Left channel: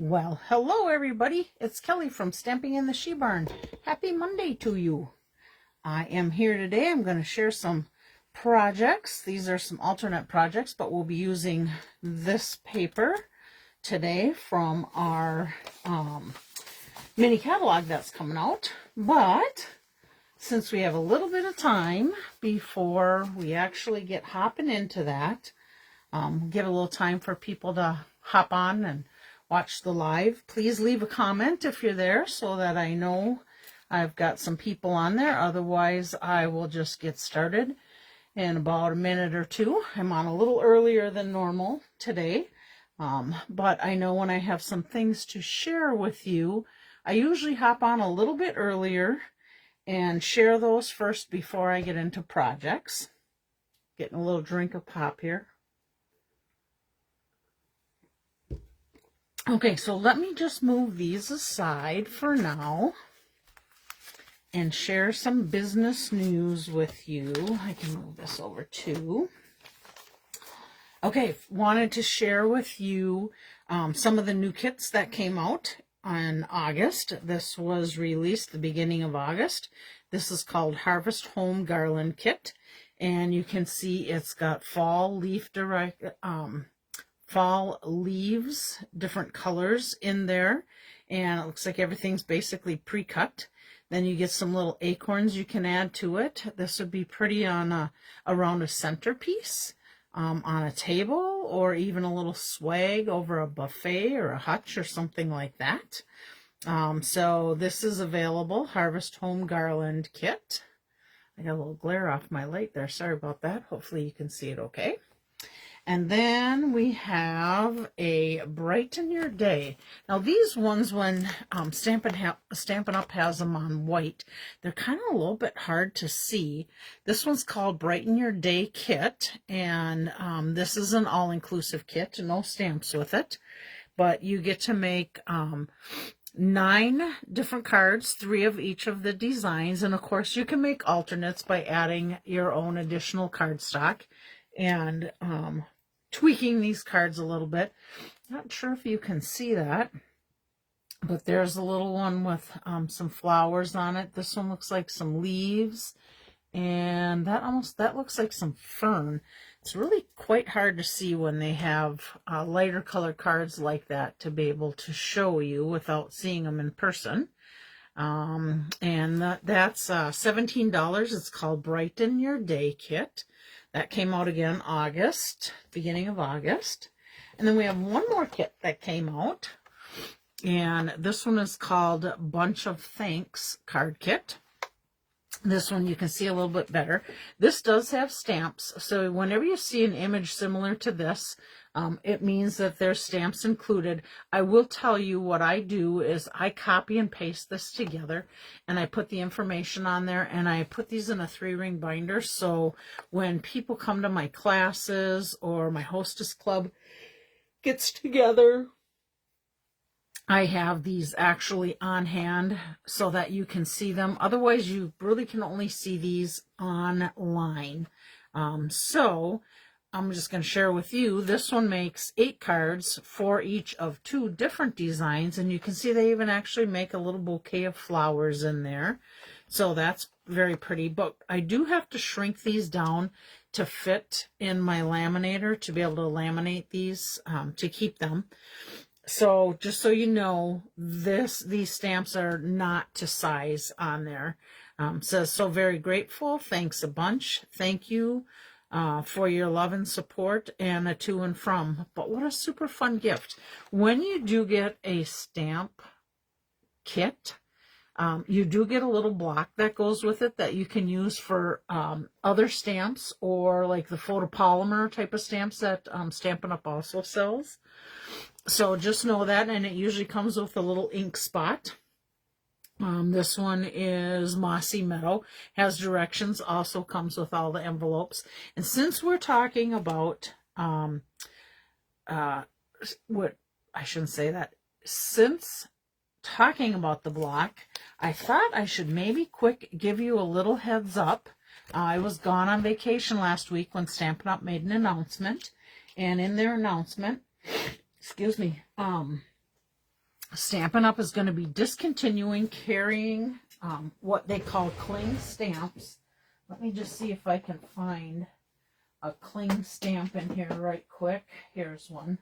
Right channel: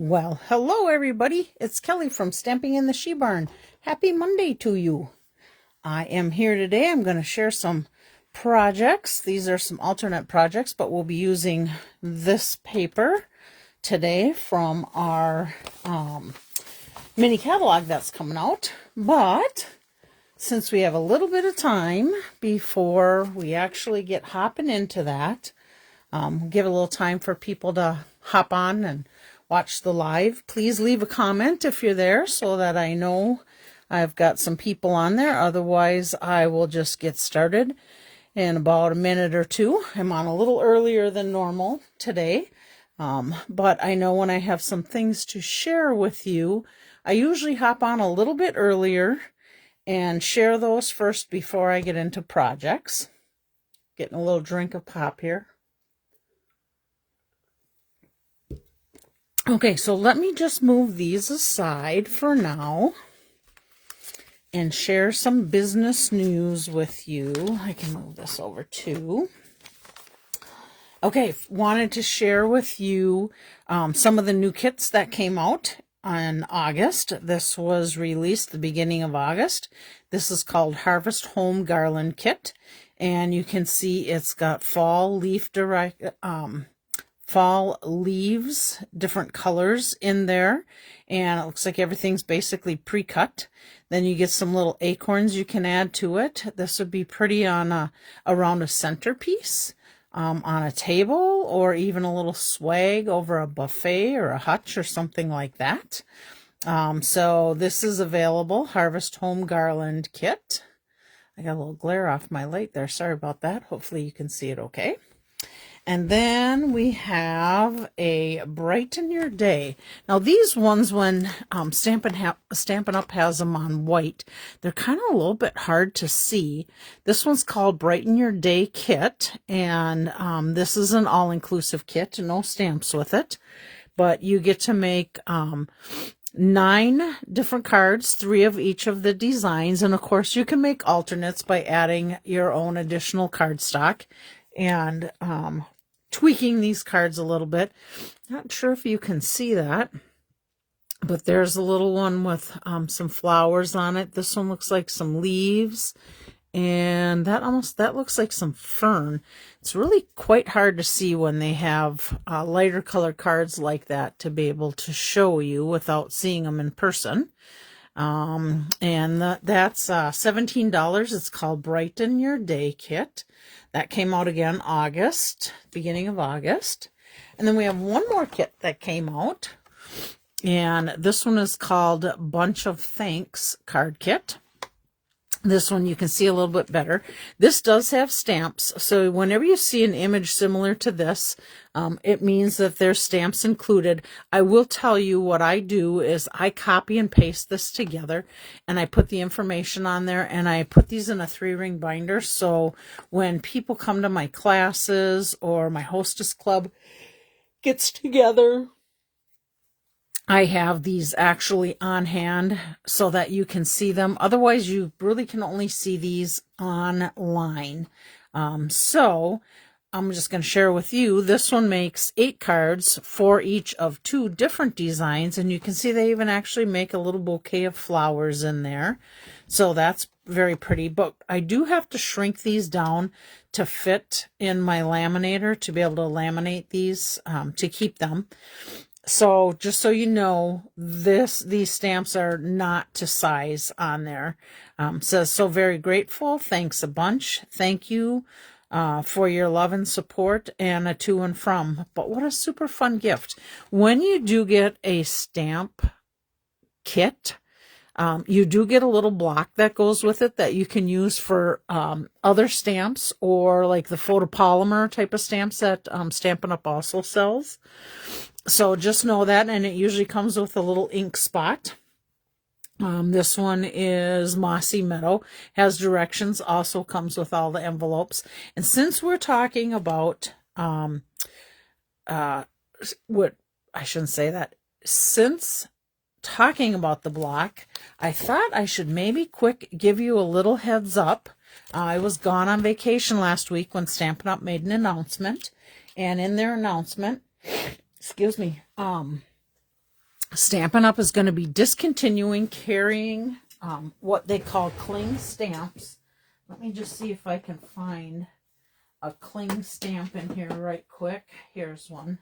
Well, hello everybody. It's Kelly from Stamping in the She Barn. Happy Monday to you. I am here today. I'm going to share some projects. These are some alternate projects, but we'll be using this paper today from our mini catalog that's coming out. But since we have a little bit of time before we actually get hopping into that, give a little time for people to hop on and watch the live. Please leave a comment if you're there so that I know I've got some people on there. Otherwise, I will just get started in about a minute or two. I'm on a little earlier than normal today, but I know when I have some things to share with you, I usually hop on a little bit earlier and share those first before I get into projects. Getting a little drink of pop here. Okay, so let me just move these aside for now and share some business news with you. I can move this over too. Okay, wanted to share with you some of the new kits that came out in August. This was released the beginning of August. This is called Harvest Home Garland Kit, and you can see it's got fall leaves, different colors in there, and it looks like everything's basically pre-cut. Then you get some little acorns you can add to it. This would be pretty on around a centerpiece, on a table, or even a little swag over a buffet or a hutch or something like that. So this is available, Harvest Home Garland Kit. I got a little glare off my light there. Sorry about that. Hopefully you can see it okay. And then we have a Brighten Your Day. Now these ones, when Stampin' Up has them on white, they're kind of a little bit hard to see. This one's called Brighten Your Day Kit, and this is an all-inclusive kit, no stamps with it. But you get to make 9 different cards, 3 of each of the designs, and of course you can make alternates by adding your own additional cardstock and tweaking these cards a little bit. Not sure if you can see that, but there's a little one with some flowers on it. This one looks like some leaves, and that looks like some fern. It's really quite hard to see when they have lighter color cards like that to be able to show you without seeing them in person. And that's $17. It's called Brighten Your Day Kit. That came out again August, beginning of August. And then we have one more kit that came out, and this one is called Bunch of Thanks Card Kit. This one you can see a little bit better. This does have stamps, so whenever you see an image similar to this, it means that there's stamps included. I will tell you what I do is I copy and paste this together, and I put the information on there, and I put these in a 3-ring binder, so when people come to my classes or my hostess club gets together, I have these actually on hand so that you can see them. Otherwise, you really can only see these online. So I'm just going to share with you. This one makes 8 cards for each of 2 different designs. And you can see they even actually make a little bouquet of flowers in there. So that's very pretty. But I do have to shrink these down to fit in my laminator to be able to laminate these to keep them. So just so you know, these stamps are not to size on there. Says, so very grateful. Thanks a bunch. Thank you for your love and support, and a to and from. But what a super fun gift. When you do get a stamp kit, you do get a little block that goes with it that you can use for other stamps, or like the photopolymer type of stamps that Stampin' Up also sells. So just know that, and it usually comes with a little ink spot. This one is Mossy Meadow, has directions, also comes with all the envelopes. And since we're talking about, since talking about the block, I thought I should maybe give you a little heads up. I was gone on vacation last week when Stampin' Up made an announcement, and in their announcement, excuse me, Stampin' Up! Is going to be discontinuing carrying what they call cling stamps. Let me just see if I can find a cling stamp in here right quick. Here's one.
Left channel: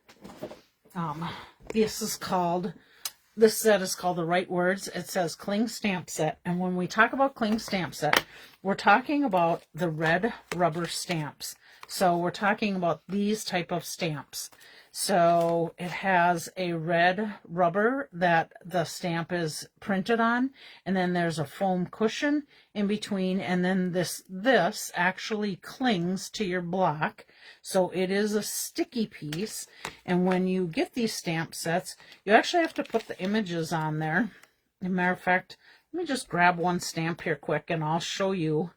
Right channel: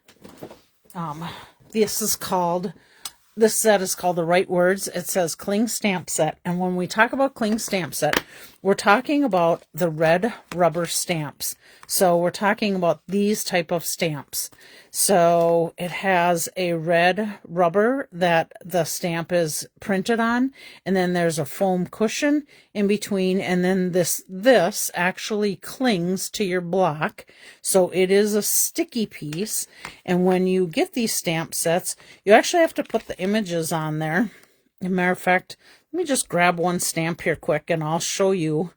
This set is called The Right Words. It says cling stamp set. And when we talk about cling stamp set, we're talking about the red rubber stamps. So we're talking about these type of stamps. So it has a red rubber that the stamp is printed on, and then there's a foam cushion in between, and then this actually clings to your block. So it is a sticky piece, and when you get these stamp sets, you actually have to put the images on there. As a matter of fact, let me just grab one stamp here quick, and I'll show you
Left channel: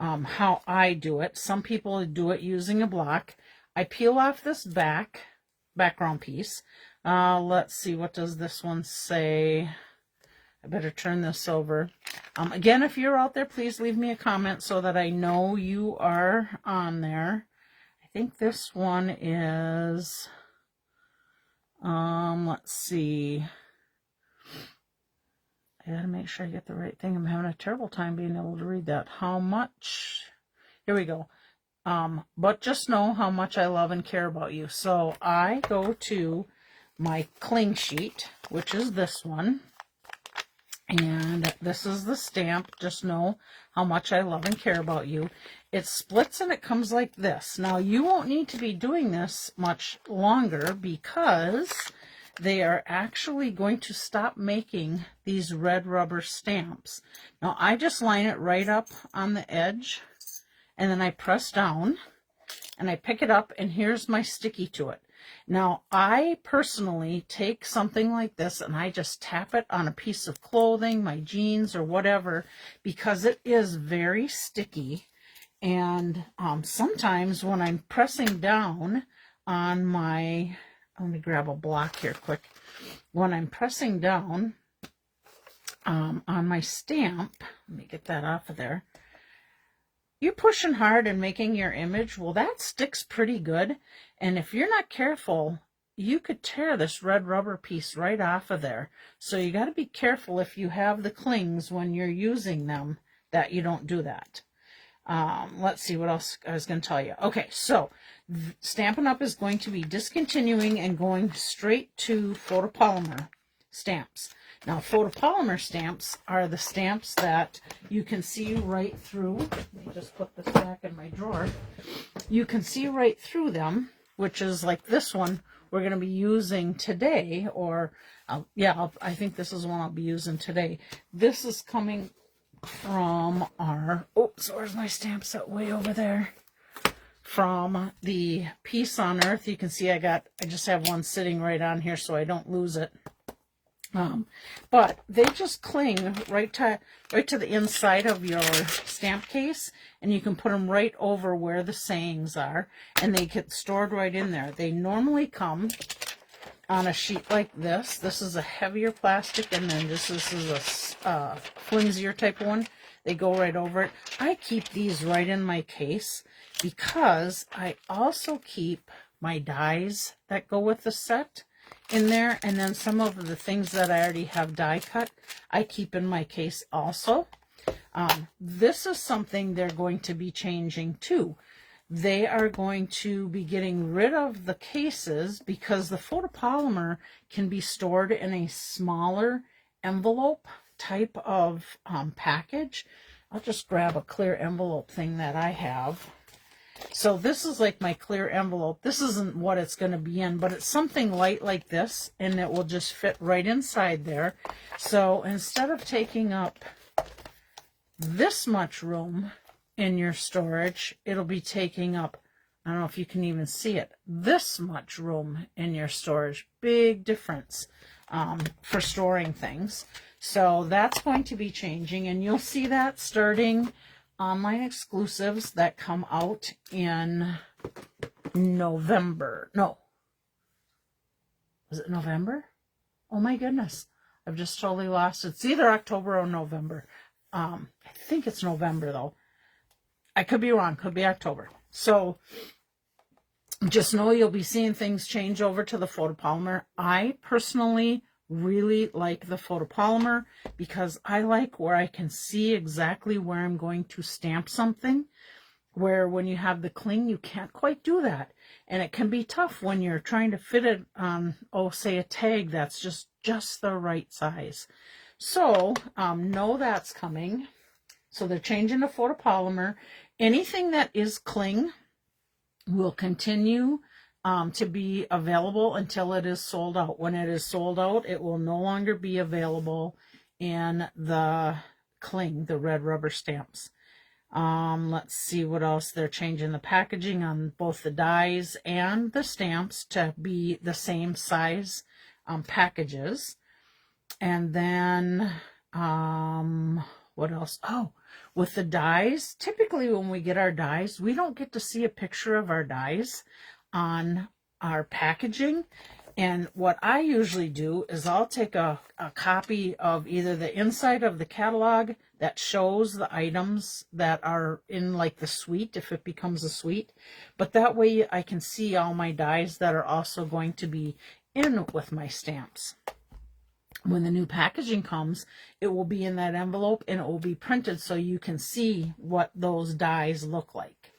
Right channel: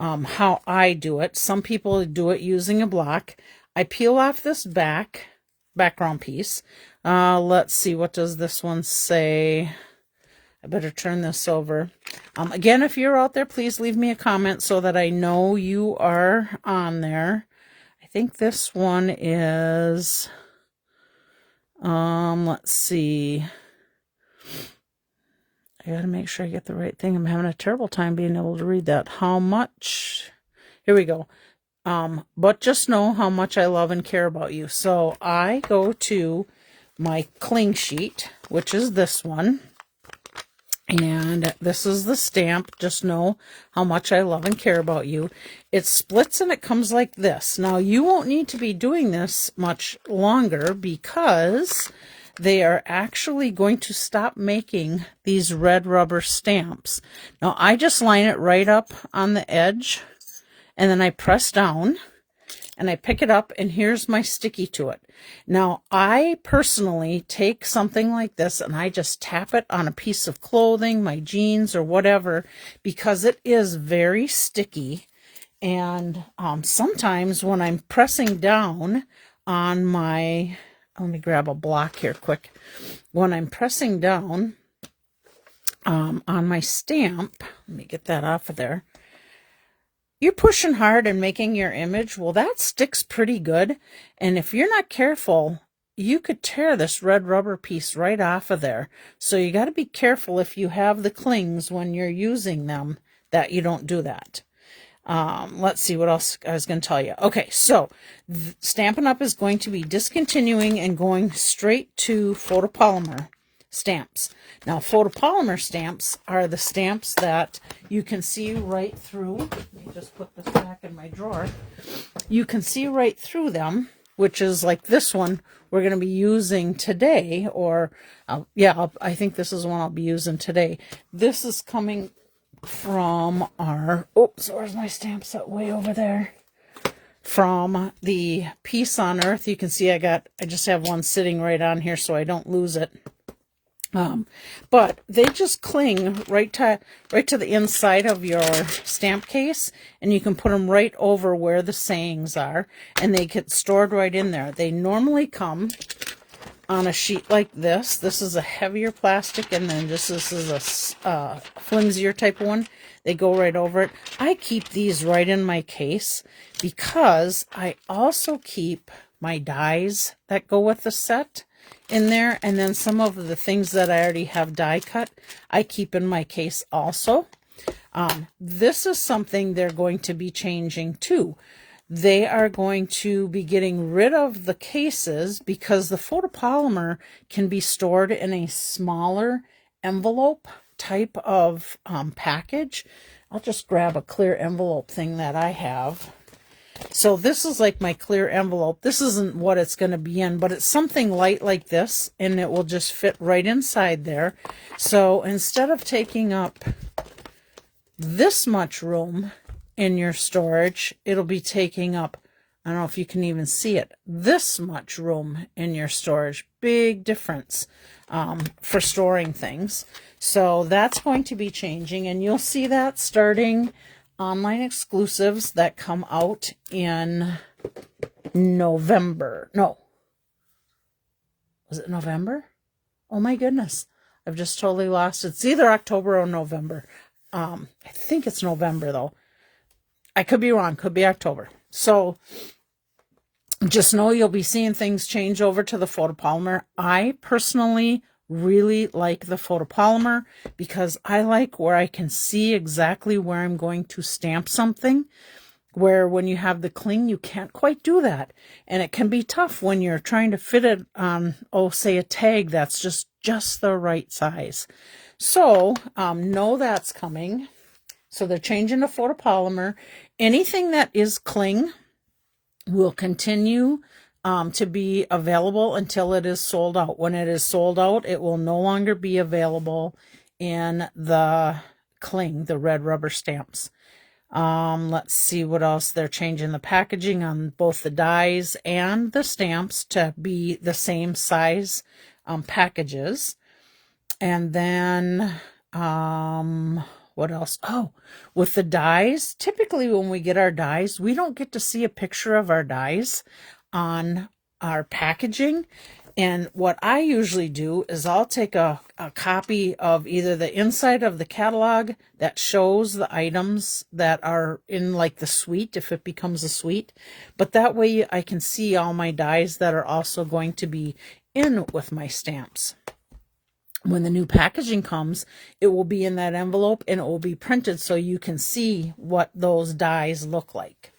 how I do it. Some people do it using a block. I peel off this background piece. Let's see, what does this one say? I better turn this over. Again, if you're out there, please leave me a comment so that I know you are on there. I think this one is, let's see. I gotta make sure I get the right thing. I'm having a terrible time being able to read that. How much? Here we go. But just know how much I love and care about you. So I go to my cling sheet, which is this one. And this is the stamp. Just know how much I love and care about you. It splits and it comes like this. Now you won't need to be doing this much longer because they are actually going to stop making these red rubber stamps. Now I just line it right up on the edge, and then I press down and I pick it up, and here's my sticky to it. Now I personally take something like this and I just tap it on a piece of clothing, my jeans or whatever, because it is very sticky. And sometimes when I'm pressing down on my, let me grab a block here quick. When I'm pressing down on my stamp, let me get that off of there. You're pushing hard and making your image. Well, that sticks pretty good. And if you're not careful, you could tear this red rubber piece right off of there. So you got to be careful if you have the clings when you're using them, that you don't do that. Let's see what else I was going to tell you. Okay, so Stampin' Up! Is going to be discontinuing and going straight to photopolymer stamps. Now, photopolymer stamps are the stamps that you can see right through. Let me just put this back in my drawer. You can see right through them, which is like this one we're going to be using today, or I think this is one I'll be using today. This is coming from our, oops, where's my stamp set? Way over there. From the Peace on Earth. You can see I just have one sitting right on here so I don't lose it. But they just cling right to the inside of your stamp case, and you can put them right over where the sayings are, and they get stored right in there. They normally come on a sheet like this. This is a heavier plastic, and then this is a flimsier type one. They go right over it. I keep these right in my case because I also keep my dies that go with the set in there, and then some of the things that I already have die cut I keep in my case also. This is something they're going to be changing too. They are going to be getting rid of the cases because the photopolymer can be stored in a smaller envelope type of package. I'll just grab a clear envelope thing that I have. So this is like my clear envelope. This isn't what it's going to be in, but it's something light like this, and it will just fit right inside there. So instead of taking up this much room in your storage, it'll be taking up, I don't know if you can even see it, this much room in your storage. Big difference for storing things. So that's going to be changing, and you'll see that starting online exclusives that come out in November. No. Was it November? Oh my goodness. I've just totally lost it. It's either October or November. I think it's November though. I could be wrong. Could be October. So just know you'll be seeing things change over to the photopolymer. I personally really like the photopolymer because I like where I can see exactly where I'm going to stamp something, where when you have the cling, you can't quite do that. And it can be tough when you're trying to fit it on, oh, say a tag that's just the right size. So know that's coming. So they're changing to photopolymer. Anything that is cling will continue to be available until it is sold out. When it is sold out, it will no longer be available in the cling, the red rubber stamps. Let's see what else. They're changing the packaging on both the dies and the stamps to be the same size packages. And then what else? Oh, with the dies, typically when we get our dies, we don't get to see a picture of our dies on our packaging. And what I usually do is I'll take a copy of either the inside of the catalog that shows the items that are in like the suite, if it becomes a suite. But that way I can see all my dies that are also going to be in with my stamps. When the new packaging comes, it will be in that envelope and it will be printed so you can see what those dies look like.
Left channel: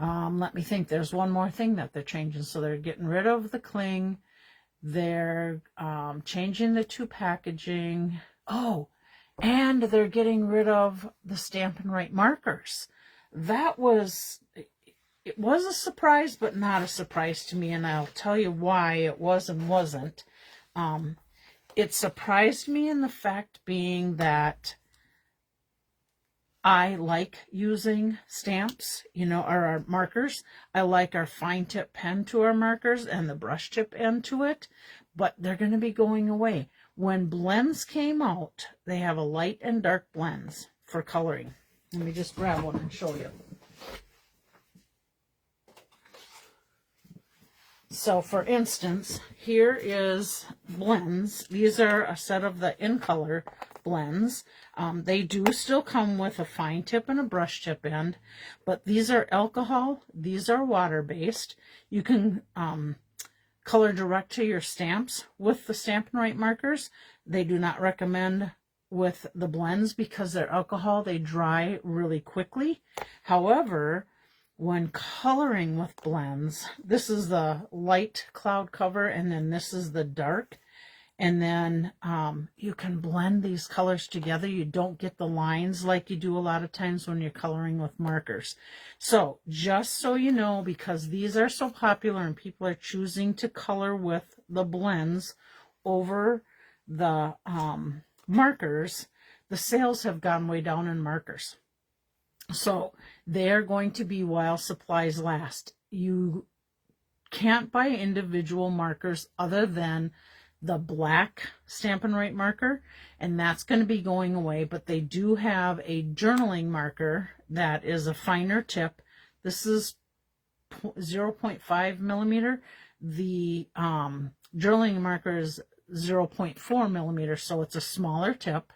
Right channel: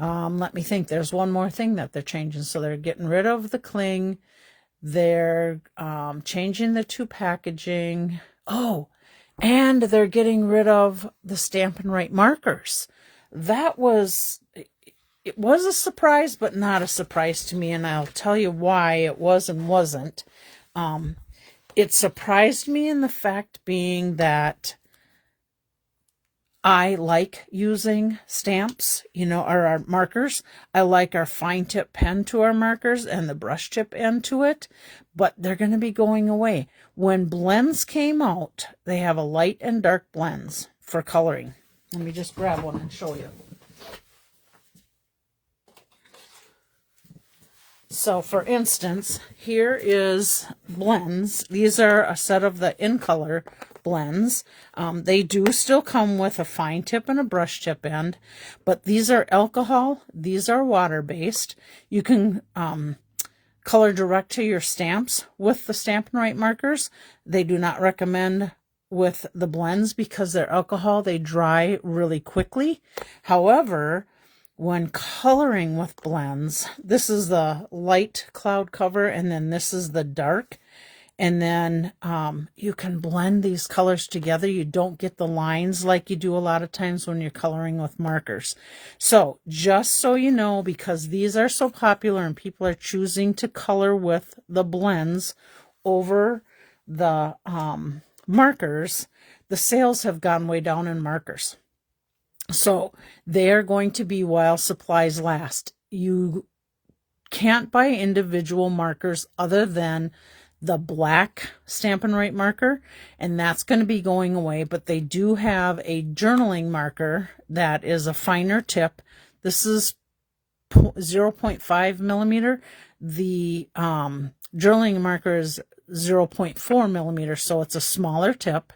Let me think. There's one more thing that they're changing. So they're getting rid of the cling. They're changing the two packaging. Oh, and they're getting rid of the Stampin' Right markers. That was, it was a surprise, but not a surprise to me. And I'll tell you why it was and wasn't. It surprised me in the fact being that I like using stamps, you know, or our markers. I like our fine tip pen to our markers and the brush tip end to it, but they're going to be going away. When blends came out, they have a light and dark blends for coloring. Let me just grab one and show you. So for instance, here is blends. These are a set of the In Color blends. They do still come with a fine tip and a brush tip end, but these are alcohol. These are water-based. You can color direct to your stamps with the Stampin' Right markers. They do not recommend with the blends because they're alcohol. They dry really quickly. However, when coloring with blends, this is the light cloud cover and then this is the dark. And then you can blend these colors together. You don't get the lines like you do a lot of times when you're coloring with markers. So just so you know, because these are so popular and people are choosing to color with the blends over the markers, the sales have gone way down in markers. So they're going to be while supplies last. You can't buy individual markers other than the black Stampin' Right marker, and that's going to be going away, but they do have a journaling marker that is a finer tip. This is 0.5 millimeter. The journaling marker is 0.4 millimeter, so it's a smaller tip.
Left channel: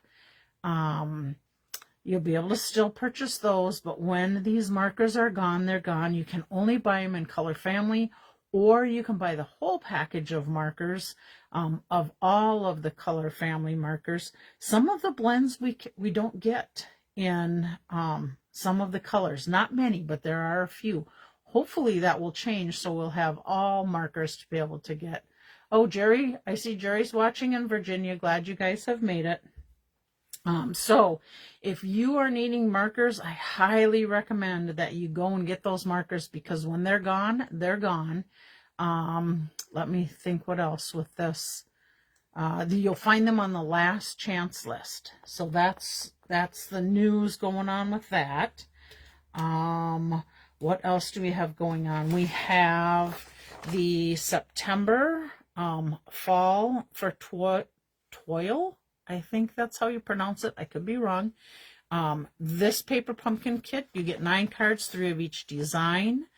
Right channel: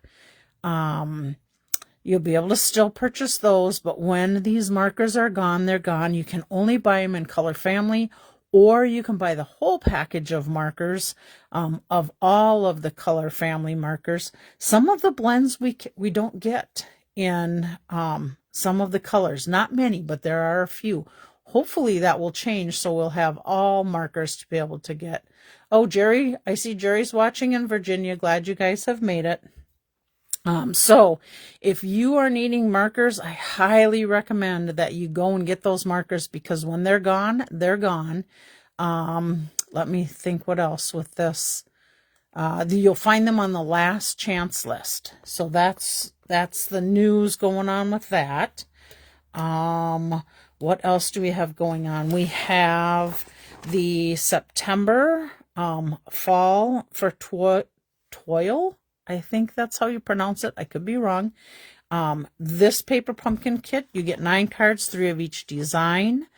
You'll be able to still purchase those, but when these markers are gone, they're gone. You can only buy them in Color Family, or you can buy the whole package of markers, of all of the Color Family markers. Some of the blends we don't get in some of the colors. Not many, but there are a few. Hopefully that will change, so we'll have all markers to be able to get. Oh, Jerry, I see Jerry's watching in Virginia. Glad you guys have made it. So if you are needing markers, I highly recommend that you go and get those markers, because when they're gone, they're gone. Let me think what else with this. You'll find them on the last chance list. So that's the news going on with that. What else do we have going on? We have the September fall for toil. I think that's how you pronounce it. I could be wrong. This paper pumpkin kit, you get 9 cards, 3 of each design,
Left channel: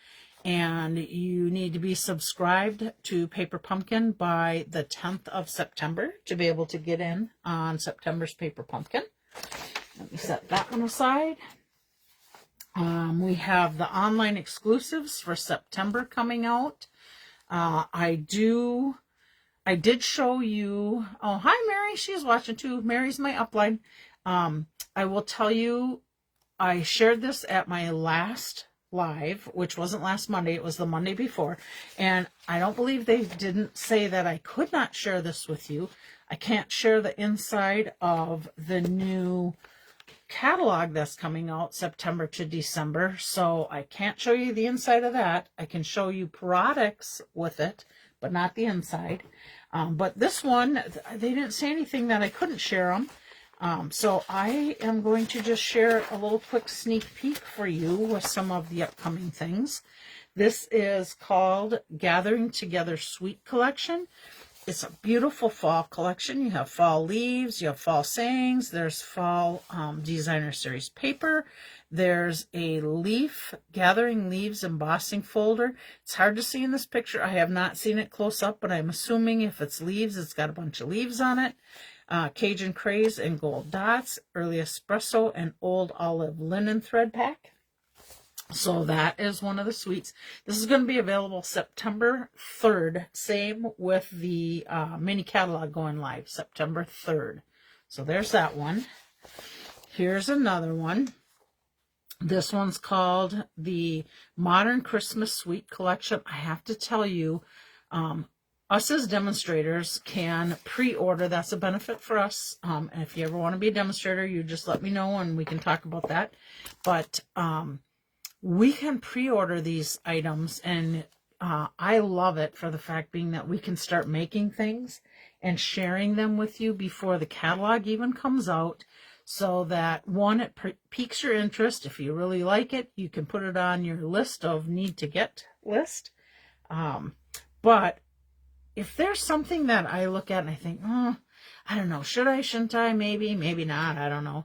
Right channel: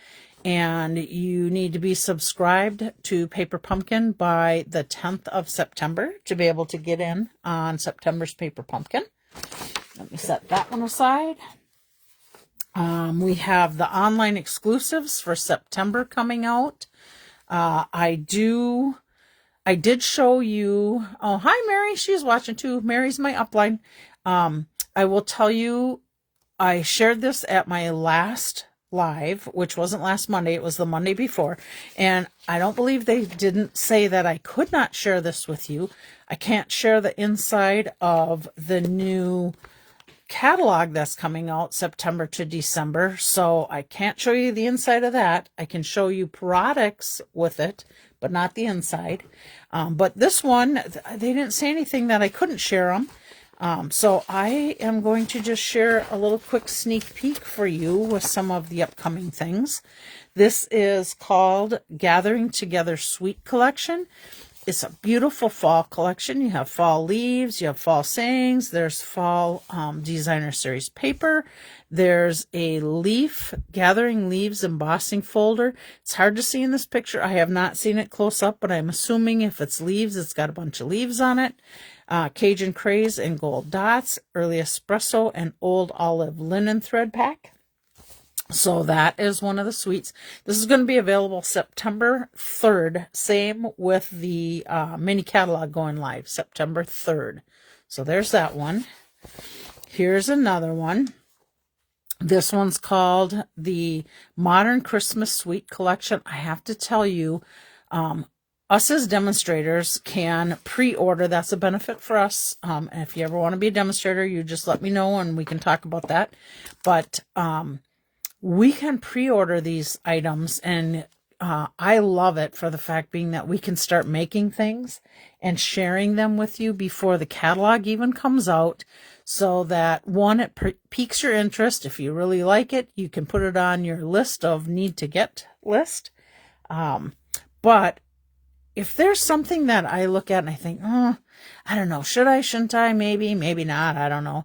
and you need to be subscribed to Paper Pumpkin by the 10th of September to be able to get in on September's Paper Pumpkin. Let me set that one aside. We have the online exclusives for September coming out. I do I did show you, oh, hi, Mary. She's watching too. Mary's my upline. I will tell you, I shared this at my last live, which wasn't last Monday. It was the Monday before. And I don't believe they didn't say that I could not share this with you. I can't share the inside of the new catalog that's coming out September to December. So I can't show you the inside of that. I can show you products with it, but not the inside. But this one, they didn't say anything that I couldn't share them. So I am going to just share a little quick sneak peek for you with some of the upcoming things. This is called Gathering Together Sweet Collection. It's a beautiful fall collection. You have fall leaves, you have fall sayings, there's fall designer series paper, there's a leaf, gathering leaves embossing folder. It's hard to see in this picture. I have not seen it close up, but I'm assuming if it's leaves, it's got a bunch of leaves on it. Cajun craze and gold dots, early espresso, and old olive linen thread pack. So that is one of the sweets. This is going to be available September 3rd. Same with the mini catalog going live September 3rd. So there's that one. Here's another one. This one's called the Modern Christmas Sweet Collection. I have to tell you, us as demonstrators can pre-order. That's a benefit for us. And if you ever want to be a demonstrator, you just let me know and we can talk about that. But we can pre-order these items, and I love it for the fact being that we can start making things and sharing them with you before the catalog even comes out, so that one, it piques your interest. If you really like it, you can put it on your list of need to get list. But if there's something that I look at and I think, oh, I don't know, should I, shouldn't I, maybe not, I don't know.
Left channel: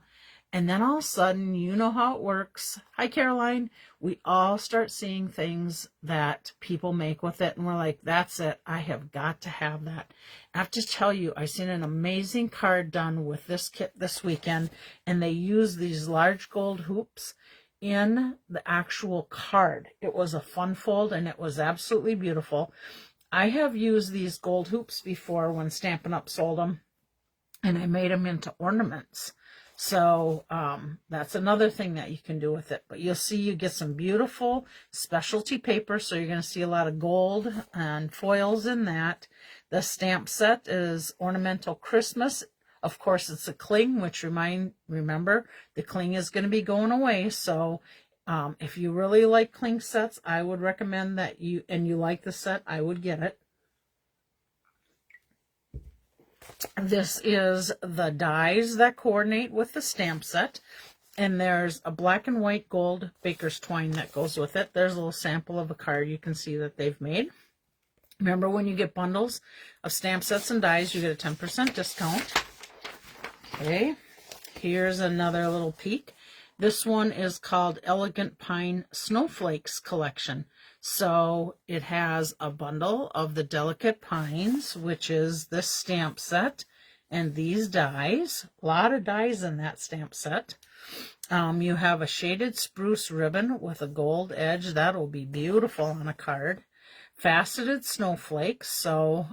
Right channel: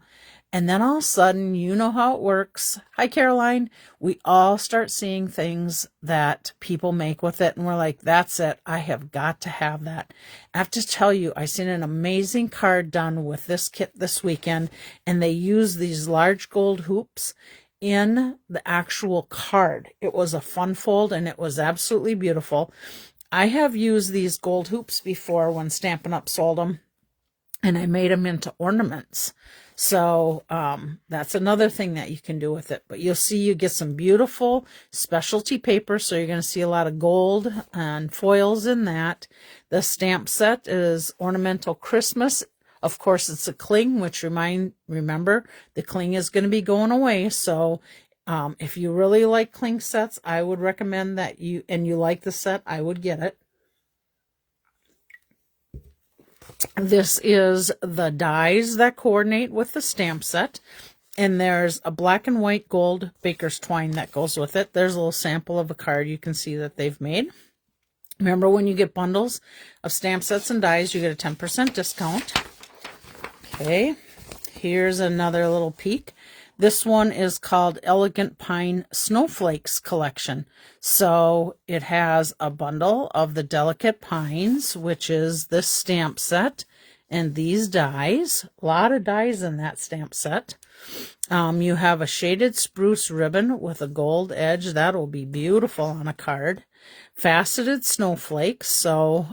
And then all of a sudden, you know how it works. Hi, Caroline. We all start seeing things that people make with it. And we're like, that's it. I have got to have that. I have to tell you, I seen an amazing card done with this kit this weekend. And they use these large gold hoops in the actual card. It was a fun fold and it was absolutely beautiful. I have used these gold hoops before when Stampin' Up sold them. And I made them into ornaments. So that's another thing that you can do with it. But you'll see you get some beautiful specialty paper. So you're going to see a lot of gold and foils in that. The stamp set is Ornamental Christmas. Of course, it's a cling, which remember, the cling is going to be going away. So if you really like cling sets, I would recommend that you like the set, I would get it. This is the dies that coordinate with the stamp set. And there's a black and white gold baker's twine that goes with it. There's a little sample of a card you can see that they've made. Remember, when you get bundles of stamp sets and dies, you get a 10% discount. Okay, here's another little peek. This one is called Elegant Pine Snowflakes Collection. So it has a bundle of the Delicate Pines, which is this stamp set, and these dies. A lot of dies in that stamp set. You have a shaded spruce ribbon with a gold edge. That will be beautiful on a card. Faceted snowflakes. So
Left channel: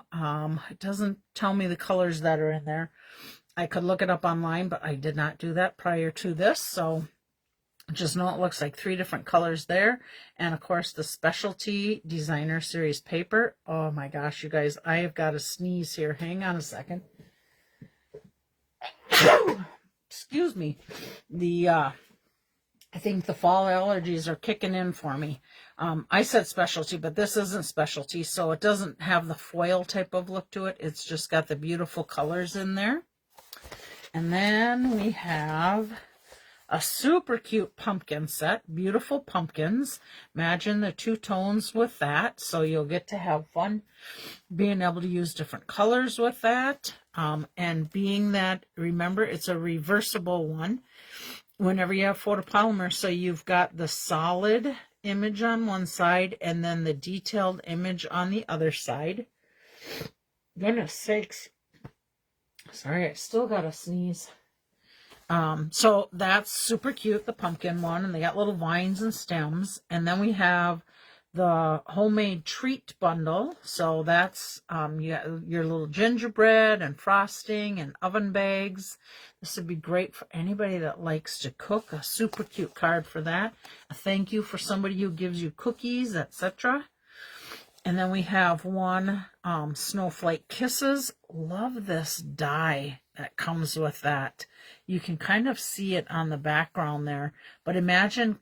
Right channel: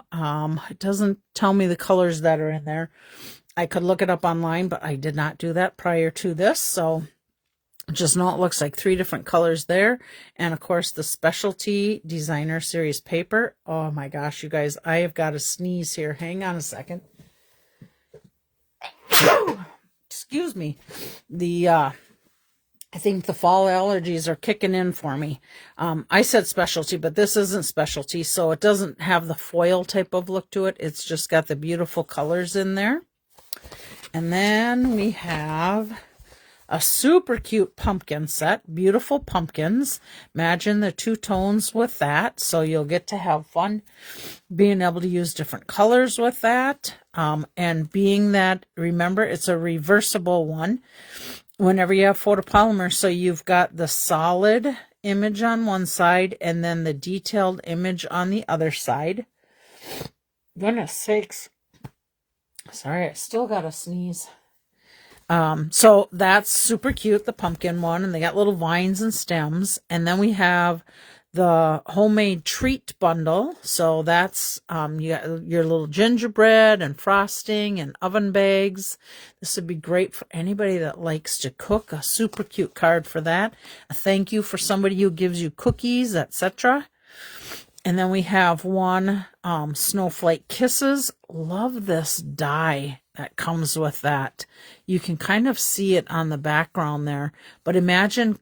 it doesn't tell me the colors that are in there. I could look it up online, but I did not do that prior to this. So just know it looks like 3 different colors there. And of course, the specialty designer series paper. Oh my gosh, you guys, I have got to sneeze here. Hang on a second. Excuse me. I think the fall allergies are kicking in for me. I said specialty, but this isn't specialty. So it doesn't have the foil type of look to it. It's just got the beautiful colors in there. And then we have a super cute pumpkin set, beautiful pumpkins. Imagine the 2 tones with that. So you'll get to have fun being able to use different colors with that. And being that, remember, it's a reversible one whenever you have photopolymer. So you've got the solid image on one side and then the detailed image on the other side. Goodness sakes. Sorry, I still got to sneeze. So that's super cute, the pumpkin one, and they got little vines and stems. And then we have the homemade treat bundle. So that's you got your little gingerbread and frosting and oven bags. This would be great for anybody that likes to cook. A super cute card for that. A thank you for somebody who gives you cookies, etc. And then we have one Snowflake Kisses. Love this die that comes with that. You can kind of see it on the background there. But imagine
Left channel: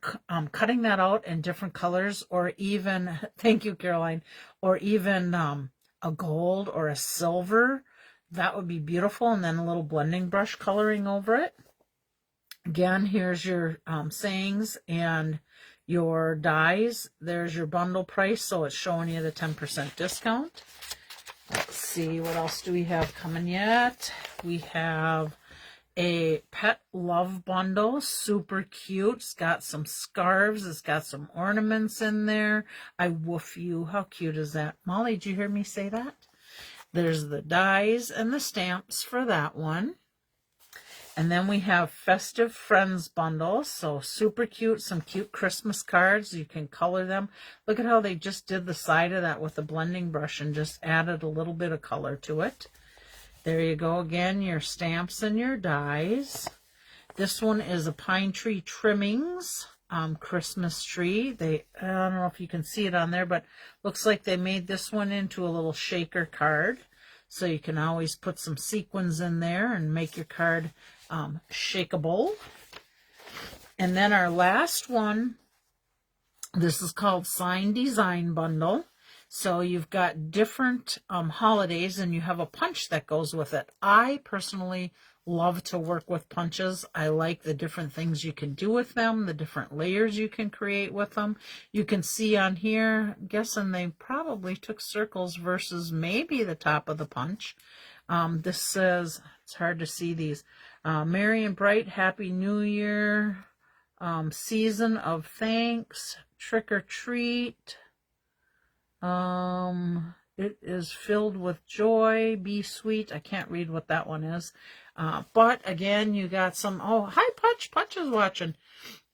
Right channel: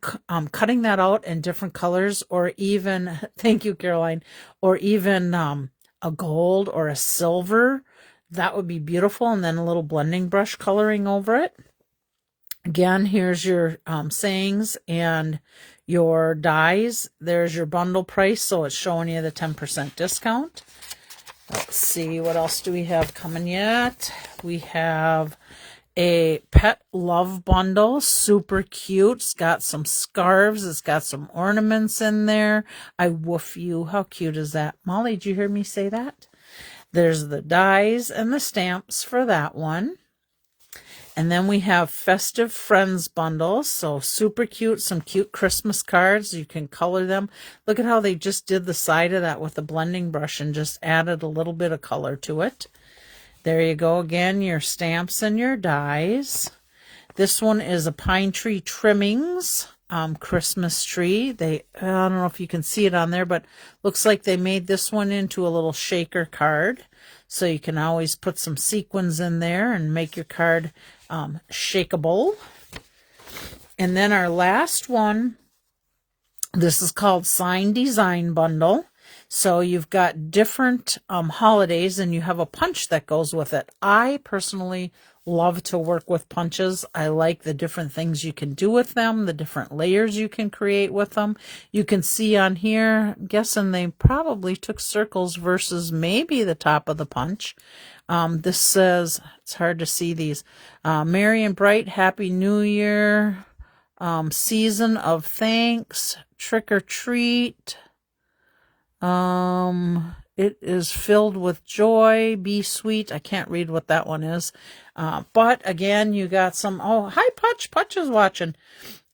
cutting that out in different colors, or even, thank you, Caroline, or even a gold or a silver. That would be beautiful. And then a little blending brush coloring over it. Again, here's your sayings and your dies. There's your bundle price, so it's showing you the 10% discount. Let's see, what else do we have coming yet? We have a pet love bundle, super cute. It's got some scarves, it's got some ornaments in there. I woof you, how cute is that? Molly, did you hear me say that? There's the dies and the stamps for that one. And then we have Festive Friends bundles. So super cute, some cute Christmas cards. You can color them. Look at how they just did the side of that with a blending brush and just added a little bit of color to it. There you go again, your stamps and your dies. This one is a pine tree trimmings Christmas tree. I don't know if you can see it on there, but looks like they made this one into a little shaker card. So you can always put some sequins in there and make your card shakeable. And then our last one, this is called Sign Design Bundle. So you've got different holidays, and you have a punch that goes with it. I personally love to work with punches. I like the different things you can do with them, the different layers you can create with them. You can see on here, I'm guessing they probably took circles versus maybe the top of the punch. This says, it's hard to see these, Merry and Bright, Happy New Year, Season of Thanks, Trick or Treat, it is filled with joy, be sweet. I can't read what that one is. But again, you got some, oh, hi Putch, Putch is watching.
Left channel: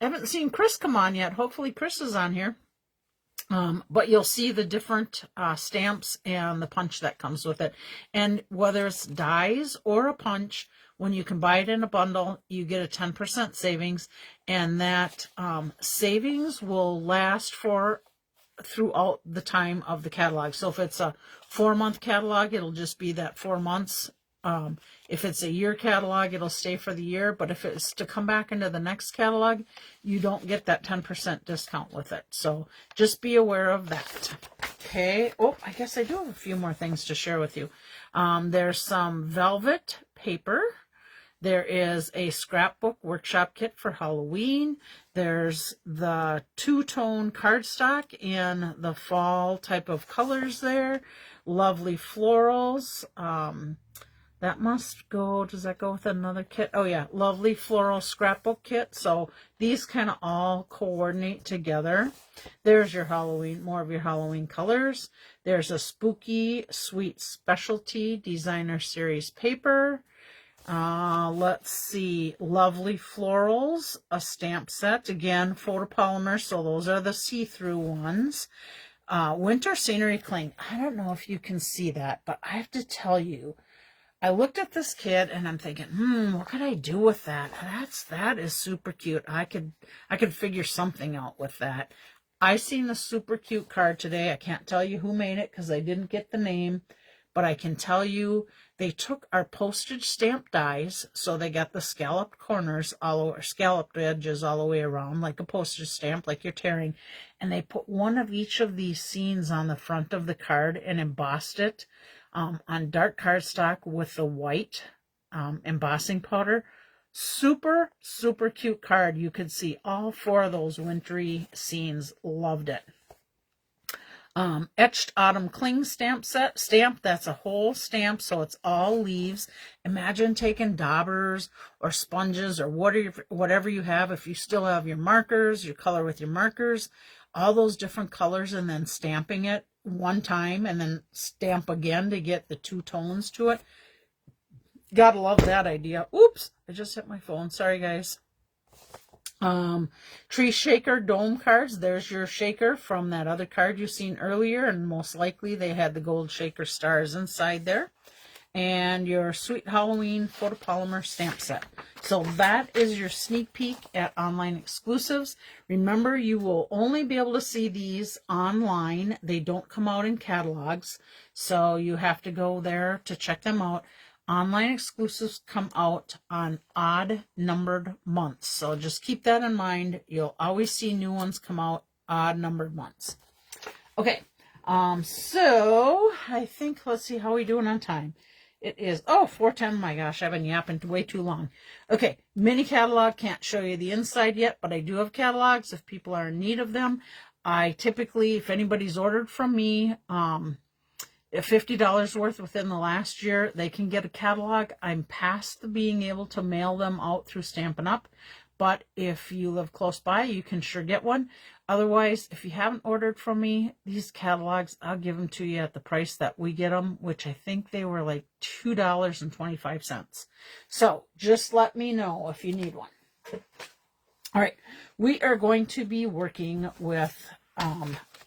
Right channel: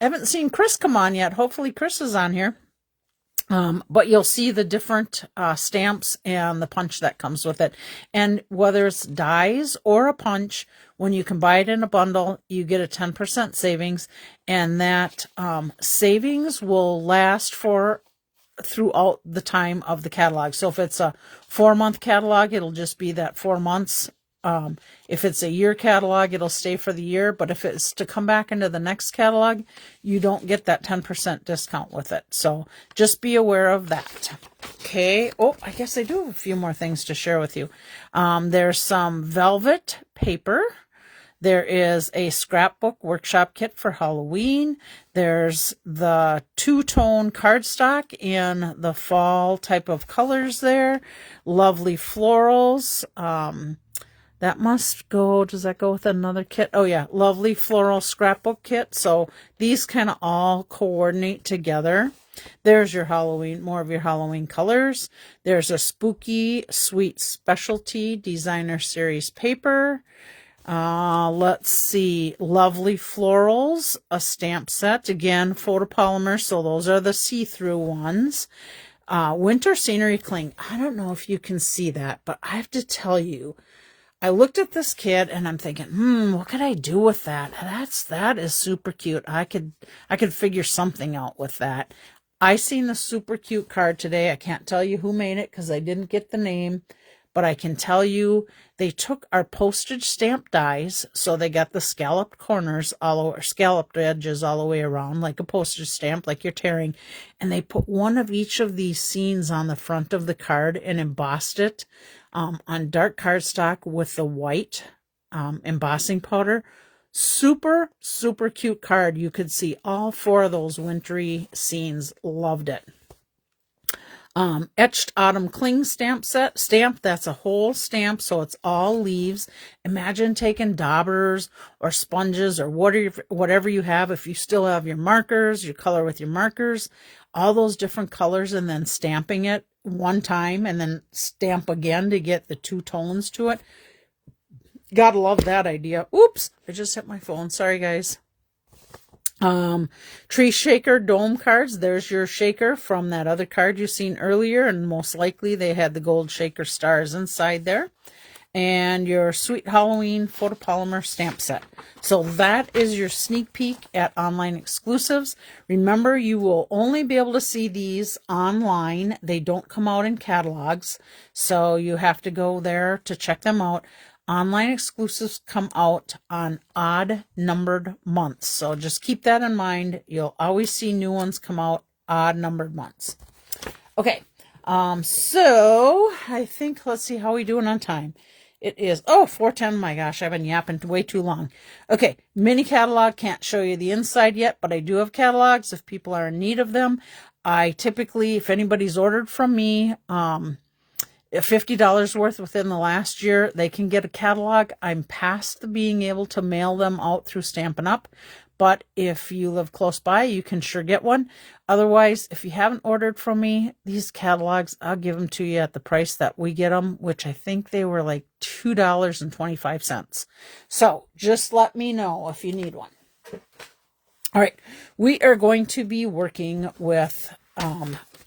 I haven't seen Chris come on yet. Hopefully Chris is on here. But you'll see the different stamps and the punch that comes with it. And whether it's dies or a punch, when you can buy it in a bundle, you get a 10% savings. And that savings will last for throughout the time of the catalog. So if it's a 4-month catalog, it'll just be that 4 months. If it's a year catalog, it'll stay for the year. But if it's to come back into the next catalog, you don't get that 10% discount with it. So just be aware of that. Okay. Oh, I guess I do have a few more things to share with you. There's some velvet paper. There is a scrapbook workshop kit for Halloween. There's the 2-tone cardstock in the fall type of colors there. Lovely florals. That must go, does that go with another kit? Oh yeah, lovely floral scrapbook kit. So these kind of all coordinate together. There's your Halloween, more of your Halloween colors. There's a spooky sweet specialty designer series paper. Let's see, lovely florals, a stamp set, again, photopolymer, so those are the see-through ones. Winter scenery cling. I don't know if you can see that, but I have to tell you, I looked at this kit and I'm thinking, what could I do with that? That is super cute. I could figure something out with that. I seen the super cute card today. I can't tell you who made it because I didn't get the name. But I can tell you they took our postage stamp dies, so they got the scalloped corners all over, scalloped edges all the way around, like a postage stamp, like you're tearing, and they put one of each of these scenes on the front of the card and embossed it on dark cardstock with the white embossing powder. Super, super cute card. You could see all 4 of those wintry scenes. Loved it. Etched Autumn Cling stamp set. That's a whole stamp, so it's all leaves. Imagine taking daubers or sponges or whatever you have. If you still have your markers, you color with your markers, all those different colors, and then stamping it one time and then stamp again to get the 2 tones to it. Gotta love that idea. Oops, I just hit my phone. Sorry, guys. Tree shaker dome cards. There's your shaker from that other card you've seen earlier, and most likely they had the gold shaker stars inside there. And your Sweet Halloween photopolymer stamp set. So that is your sneak peek at Online Exclusives. Remember, you will only be able to see these online. They don't come out in catalogs, so you have to go there to check them out. Online Exclusives come out on odd numbered months, so just keep that in mind. You'll always see new ones come out odd numbered months. Okay, so I think, let's see how we doing on time. It is, 4:10. My gosh, I've been yapping way too long. Okay, mini catalog. Can't show you the inside yet, but I do have catalogs if people are in need of them. I typically, if anybody's ordered from me, $50 worth within the last year, they can get a catalog. I'm past the being able to mail them out through Stampin' Up, but if you live close by, you can sure get one. Otherwise, if you haven't ordered from me, these catalogs, I'll give them to you at the price that we get them, which I think they were like $2.25. So just let me know if you need one. All right, we are going to be working with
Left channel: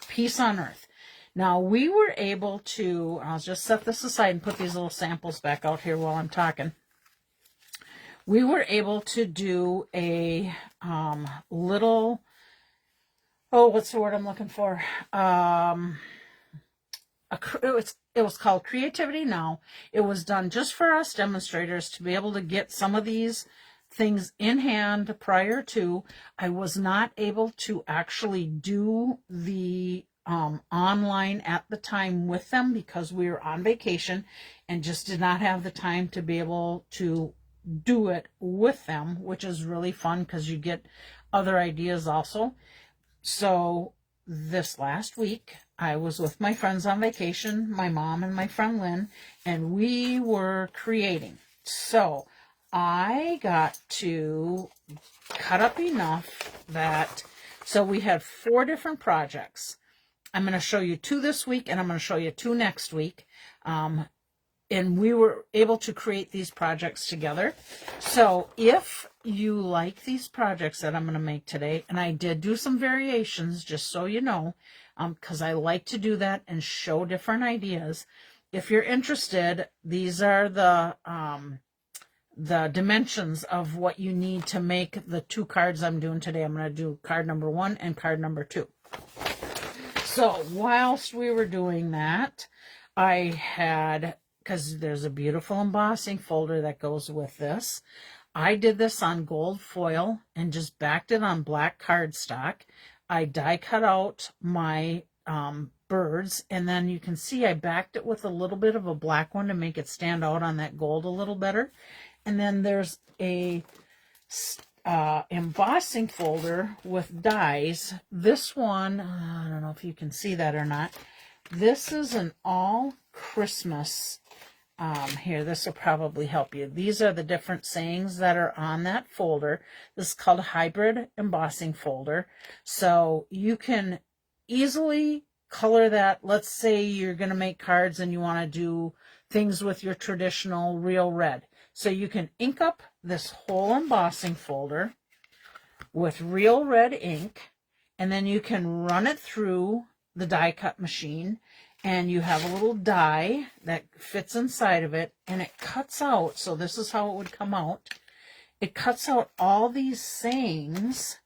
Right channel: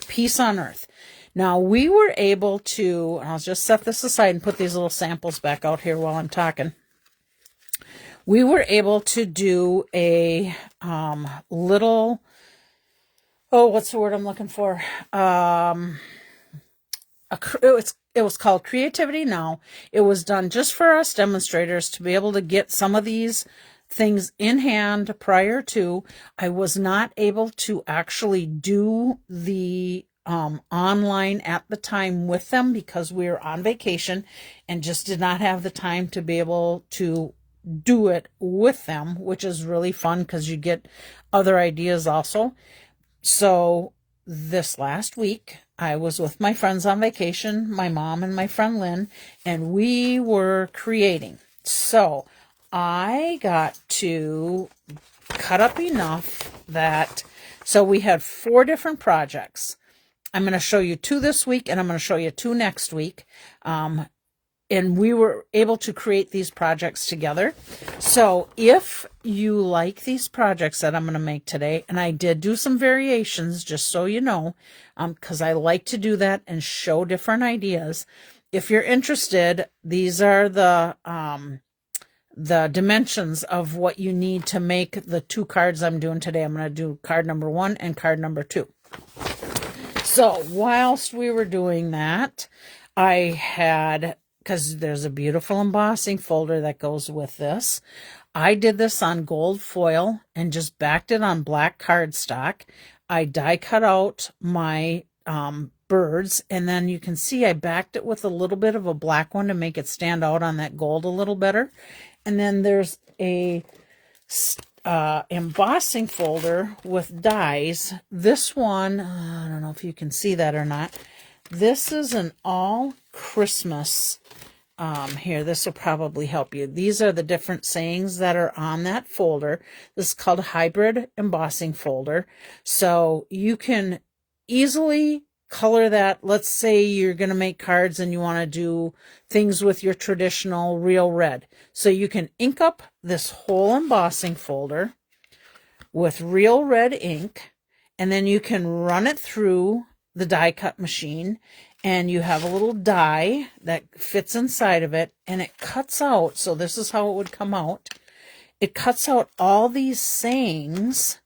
Peace on Earth. Now, we were able to, I'll just set this aside and put these little samples back out here while I'm talking. We were able to do a little, what's the word I'm looking for? It was called Creativity Now. It was done just for us demonstrators to be able to get some of these things in hand prior to. I was not able to actually do the online at the time with them because we were on vacation and just did not have the time to be able to do it with them, which is really fun because you get other ideas also. So this last week I was with my friends on vacation, my mom and my friend Lynn, and we were creating. So I got to cut up enough that, so we had 4 different projects. I'm going to show you 2 this week, and I'm going to show you 2 next week. And we were able to create these projects together. So if you like these projects that I'm going to make today, and I did do some variations, just so you know, because I like to do that and show different ideas. If you're interested, these are the dimensions of what you need to make the 2 cards I'm doing today. I'm going to do card number 1 and card number 2. So whilst we were doing that, I had, because there's a beautiful embossing folder that goes with this, I did this on gold foil and just backed it on black cardstock. I die cut out my birds, and then you can see I backed it with a little bit of a black one to make it stand out on that gold a little better. And then there's a embossing folder with dies. This one, I don't know if you can see that or not. This is an all Christmas. Here, this will probably help you. These are the different sayings that are on that folder. This is called a hybrid embossing folder. So you can easily color that. Let's say you're going to make cards and you want to do things with your traditional real red. So you can ink up this whole embossing folder with real red ink, and then you can run it through the die cut machine, and you have a little die that fits inside of it, and it cuts out. So this is how it would come out. It cuts out all these sayings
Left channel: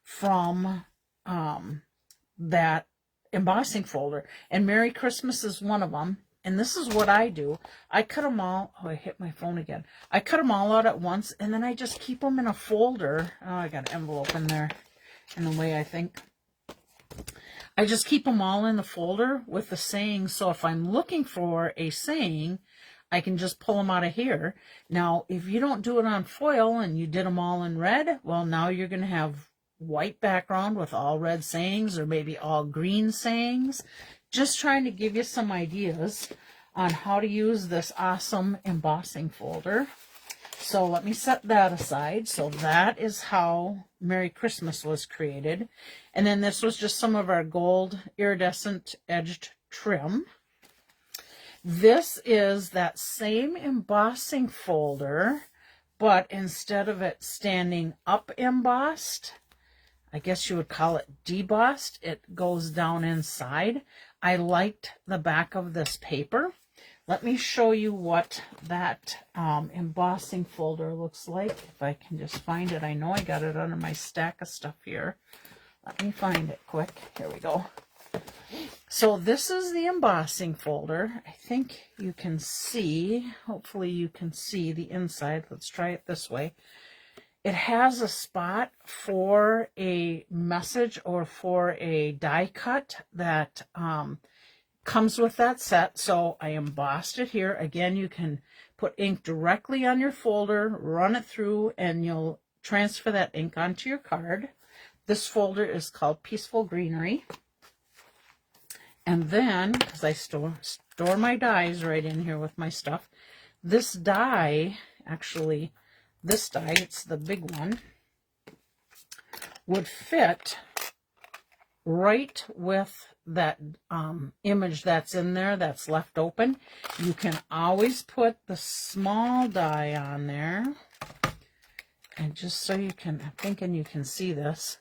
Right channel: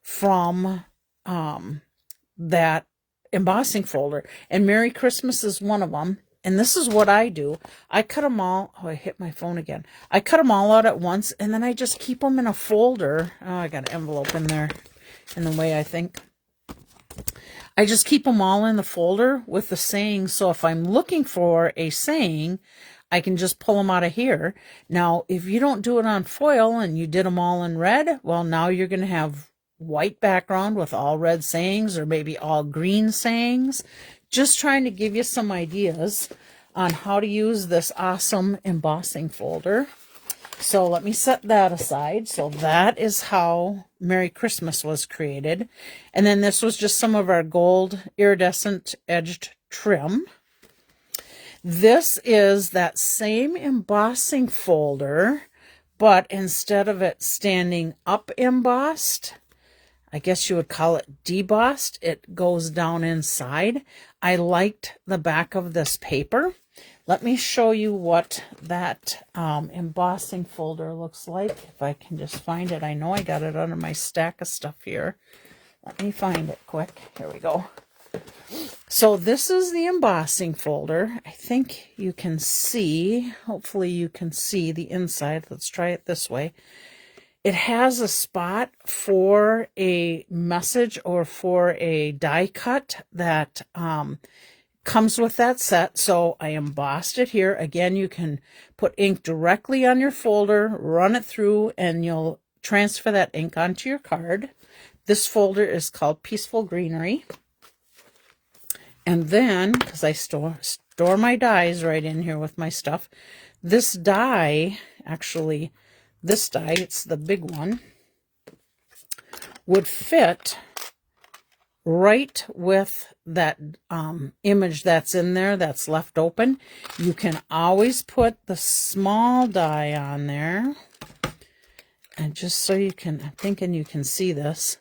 from that embossing folder, and Merry Christmas is one of them. And this is what I do. I cut them all. Oh, I hit my phone again. I cut them all out at once, and then I just keep them in a folder. Oh, I got an envelope in there in the way, I think. I just keep them all in the folder with the saying. So if I'm looking for a saying, I can just pull them out of here. Now, if you don't do it on foil and you did them all in red, well, now you're going to have white background with all red sayings, or maybe all green sayings. Just trying to give you some ideas on how to use this awesome embossing folder. So let me set that aside. So that is how Merry Christmas was created. And then this was just some of our gold iridescent edged trim. This is that same embossing folder, but instead of it standing up embossed, I guess you would call it debossed, it goes down inside. I liked the back of this paper. Let me show you what that embossing folder looks like. If I can just find it. I know I got it under my stack of stuff here. Let me find it quick. Here we go. So this is the embossing folder. I think you can see, hopefully you can see the inside. Let's try it this way. It has a spot for a message or for a die cut that comes with that set. So I embossed it here. Again, you can put ink directly on your folder, run it through, and you'll transfer that ink onto your card. This folder is called Peaceful Greenery. And then, because I store my dies right in here with my stuff, this die, actually, this die, it's the big one, would fit right with that image that's in there that's left open. You can always put the small die on there. And just so you can, I'm thinking you can see this.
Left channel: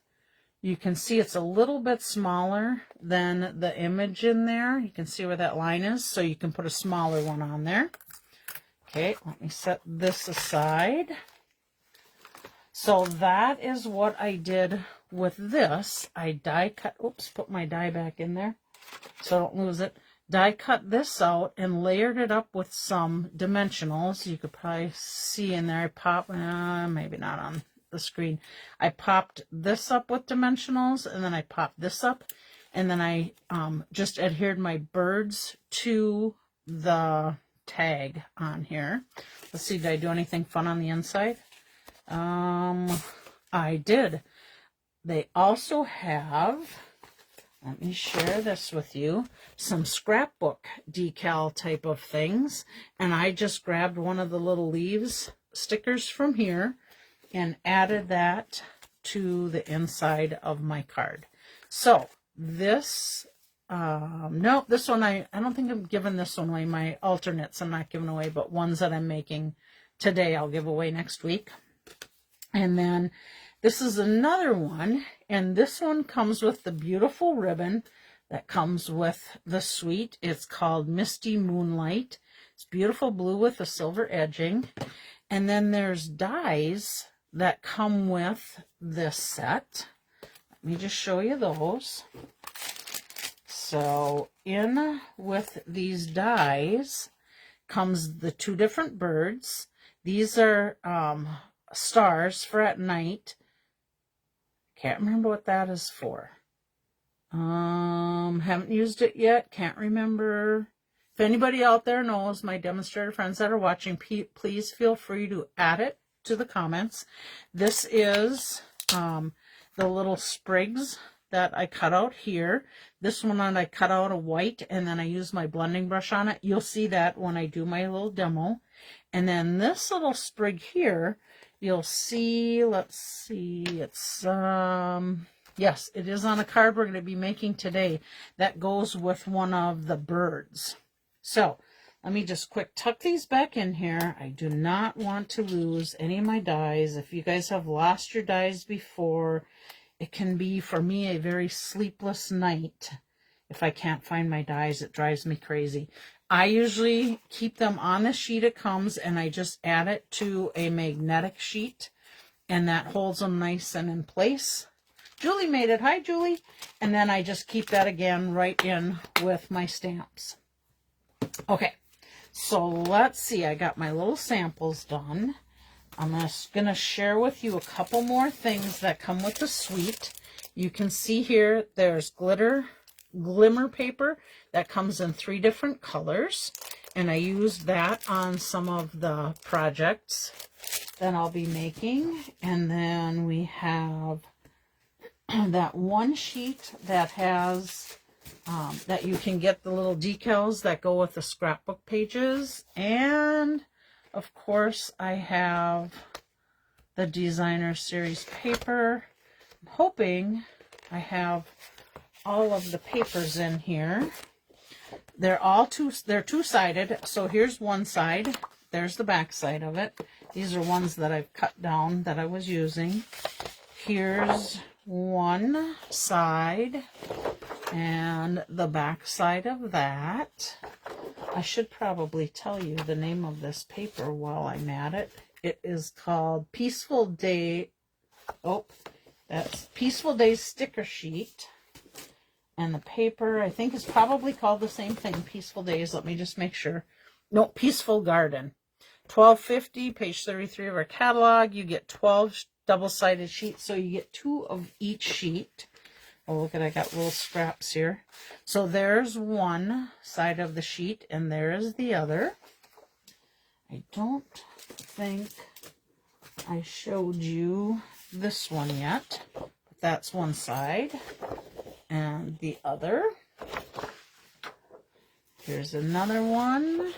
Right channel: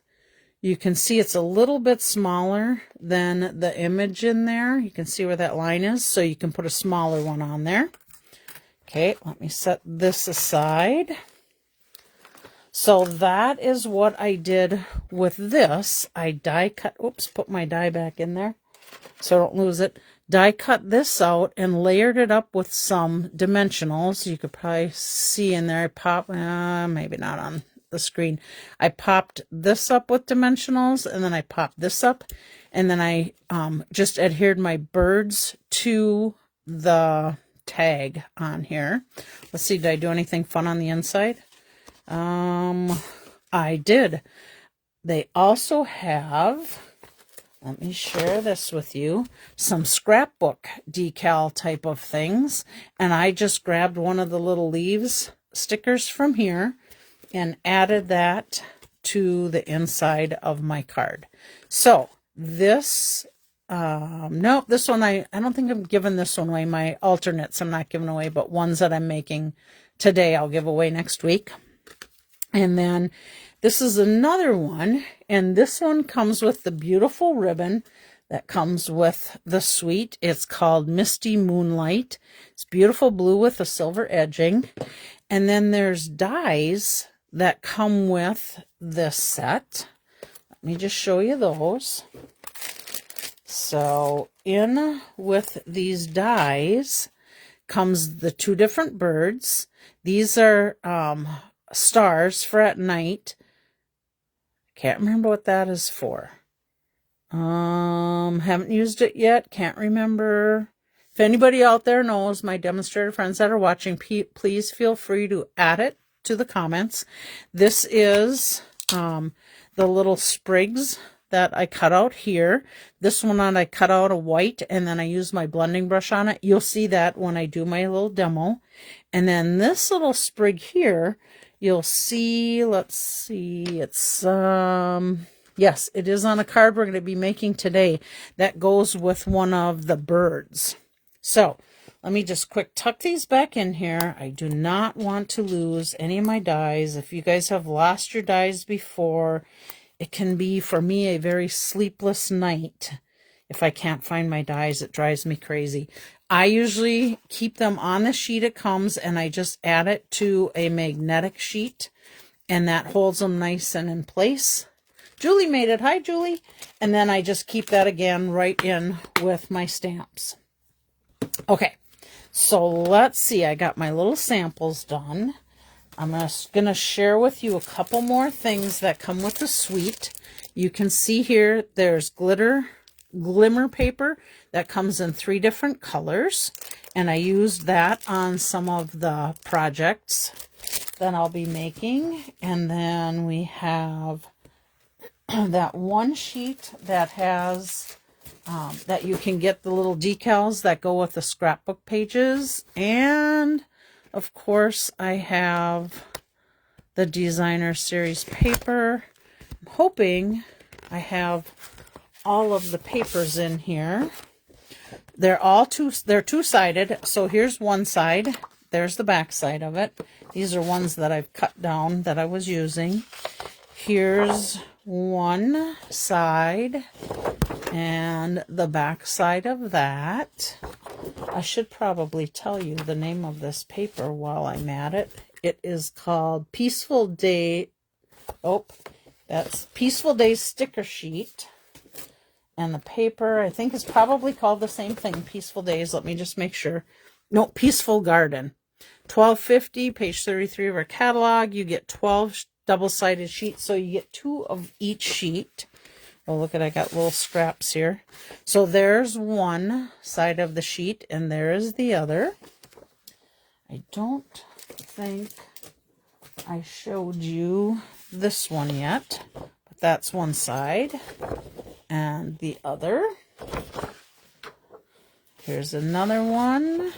You can see it's a little bit smaller than the image in there. You can see where that line is, so you can put a smaller one on there. Okay, let me set this aside. So that is what I did with this. I die cut, oops, put my die back in there so I don't lose it. Die cut this out and layered it up with some dimensionals. You could probably see in there, I pop, maybe not on the screen. I popped this up with dimensionals, and then I popped this up, and then I just adhered my birds to the tag on here. Let's see, did I do anything fun on the inside? I did. They also have, let me share this with you, some scrapbook decal type of things, and I just grabbed one of the little leaves stickers from here and added that to the inside of my card. So this, no, this one, I don't think I'm giving this one away. My alternates I'm not giving away, but ones that I'm making today I'll give away next week. And then this is another one, and this one comes with the beautiful ribbon that comes with the suite. It's called Misty Moonlight. It's beautiful blue with a silver edging. And then there's dies that come with this set. Let me just show you those. So in with these dies comes the two different birds. These are stars for at night. Can't remember what that is for. Haven't used it yet. Can't remember. If anybody out there knows, my demonstrator friends that are watching, please feel free to add it to the comments. This is the little sprigs that I cut out here. This one I cut out a white, and then I used my blending brush on it. You'll see that when I do my little demo. And then this little sprig here, you'll see, let's see, it's, yes, it is on a card we're going to be making today that goes with one of the birds. So let me just quick tuck these back in here. I do not want to lose any of my dies. If you guys have lost your dies before, it can be, for me, a very sleepless night. If I can't find my dies, it drives me crazy. I usually keep them on the sheet it comes, and I just add it to a magnetic sheet, and that holds them nice and in place. Julie made it. Hi, Julie. And then I just keep that again right in with my stamps. Okay, so let's see. I got my little samples done. I'm just going to share with you a couple more things that come with the suite. You can see here there's glimmer paper that comes in 3 different colors, and I used that on some of the projects that I'll be making. And then we have that one sheet that has that you can get the little decals that go with the scrapbook pages, and of course I have the designer series paper. I'm hoping I have all of the papers in here. They're all they're two-sided. So here's one side. there's the back side of it. These are ones that I've cut down that I was using. Here's one side and the back side of that. I should probably tell you the name of this paper while I'm at it. It is called Peaceful Day. Oh, that's Peaceful Day sticker sheet. And the paper, I think, is probably called the same thing, Peaceful Days. Let me just make sure. No, Peaceful Garden. $12.50, page 33 of our catalog. You get 12 double-sided sheets, so you get 2 of each sheet. Oh, look at, I got little scraps here. So there's one side of the sheet, and there is the other. I don't think I showed you this one yet, but that's one side. And the other. Here's another one.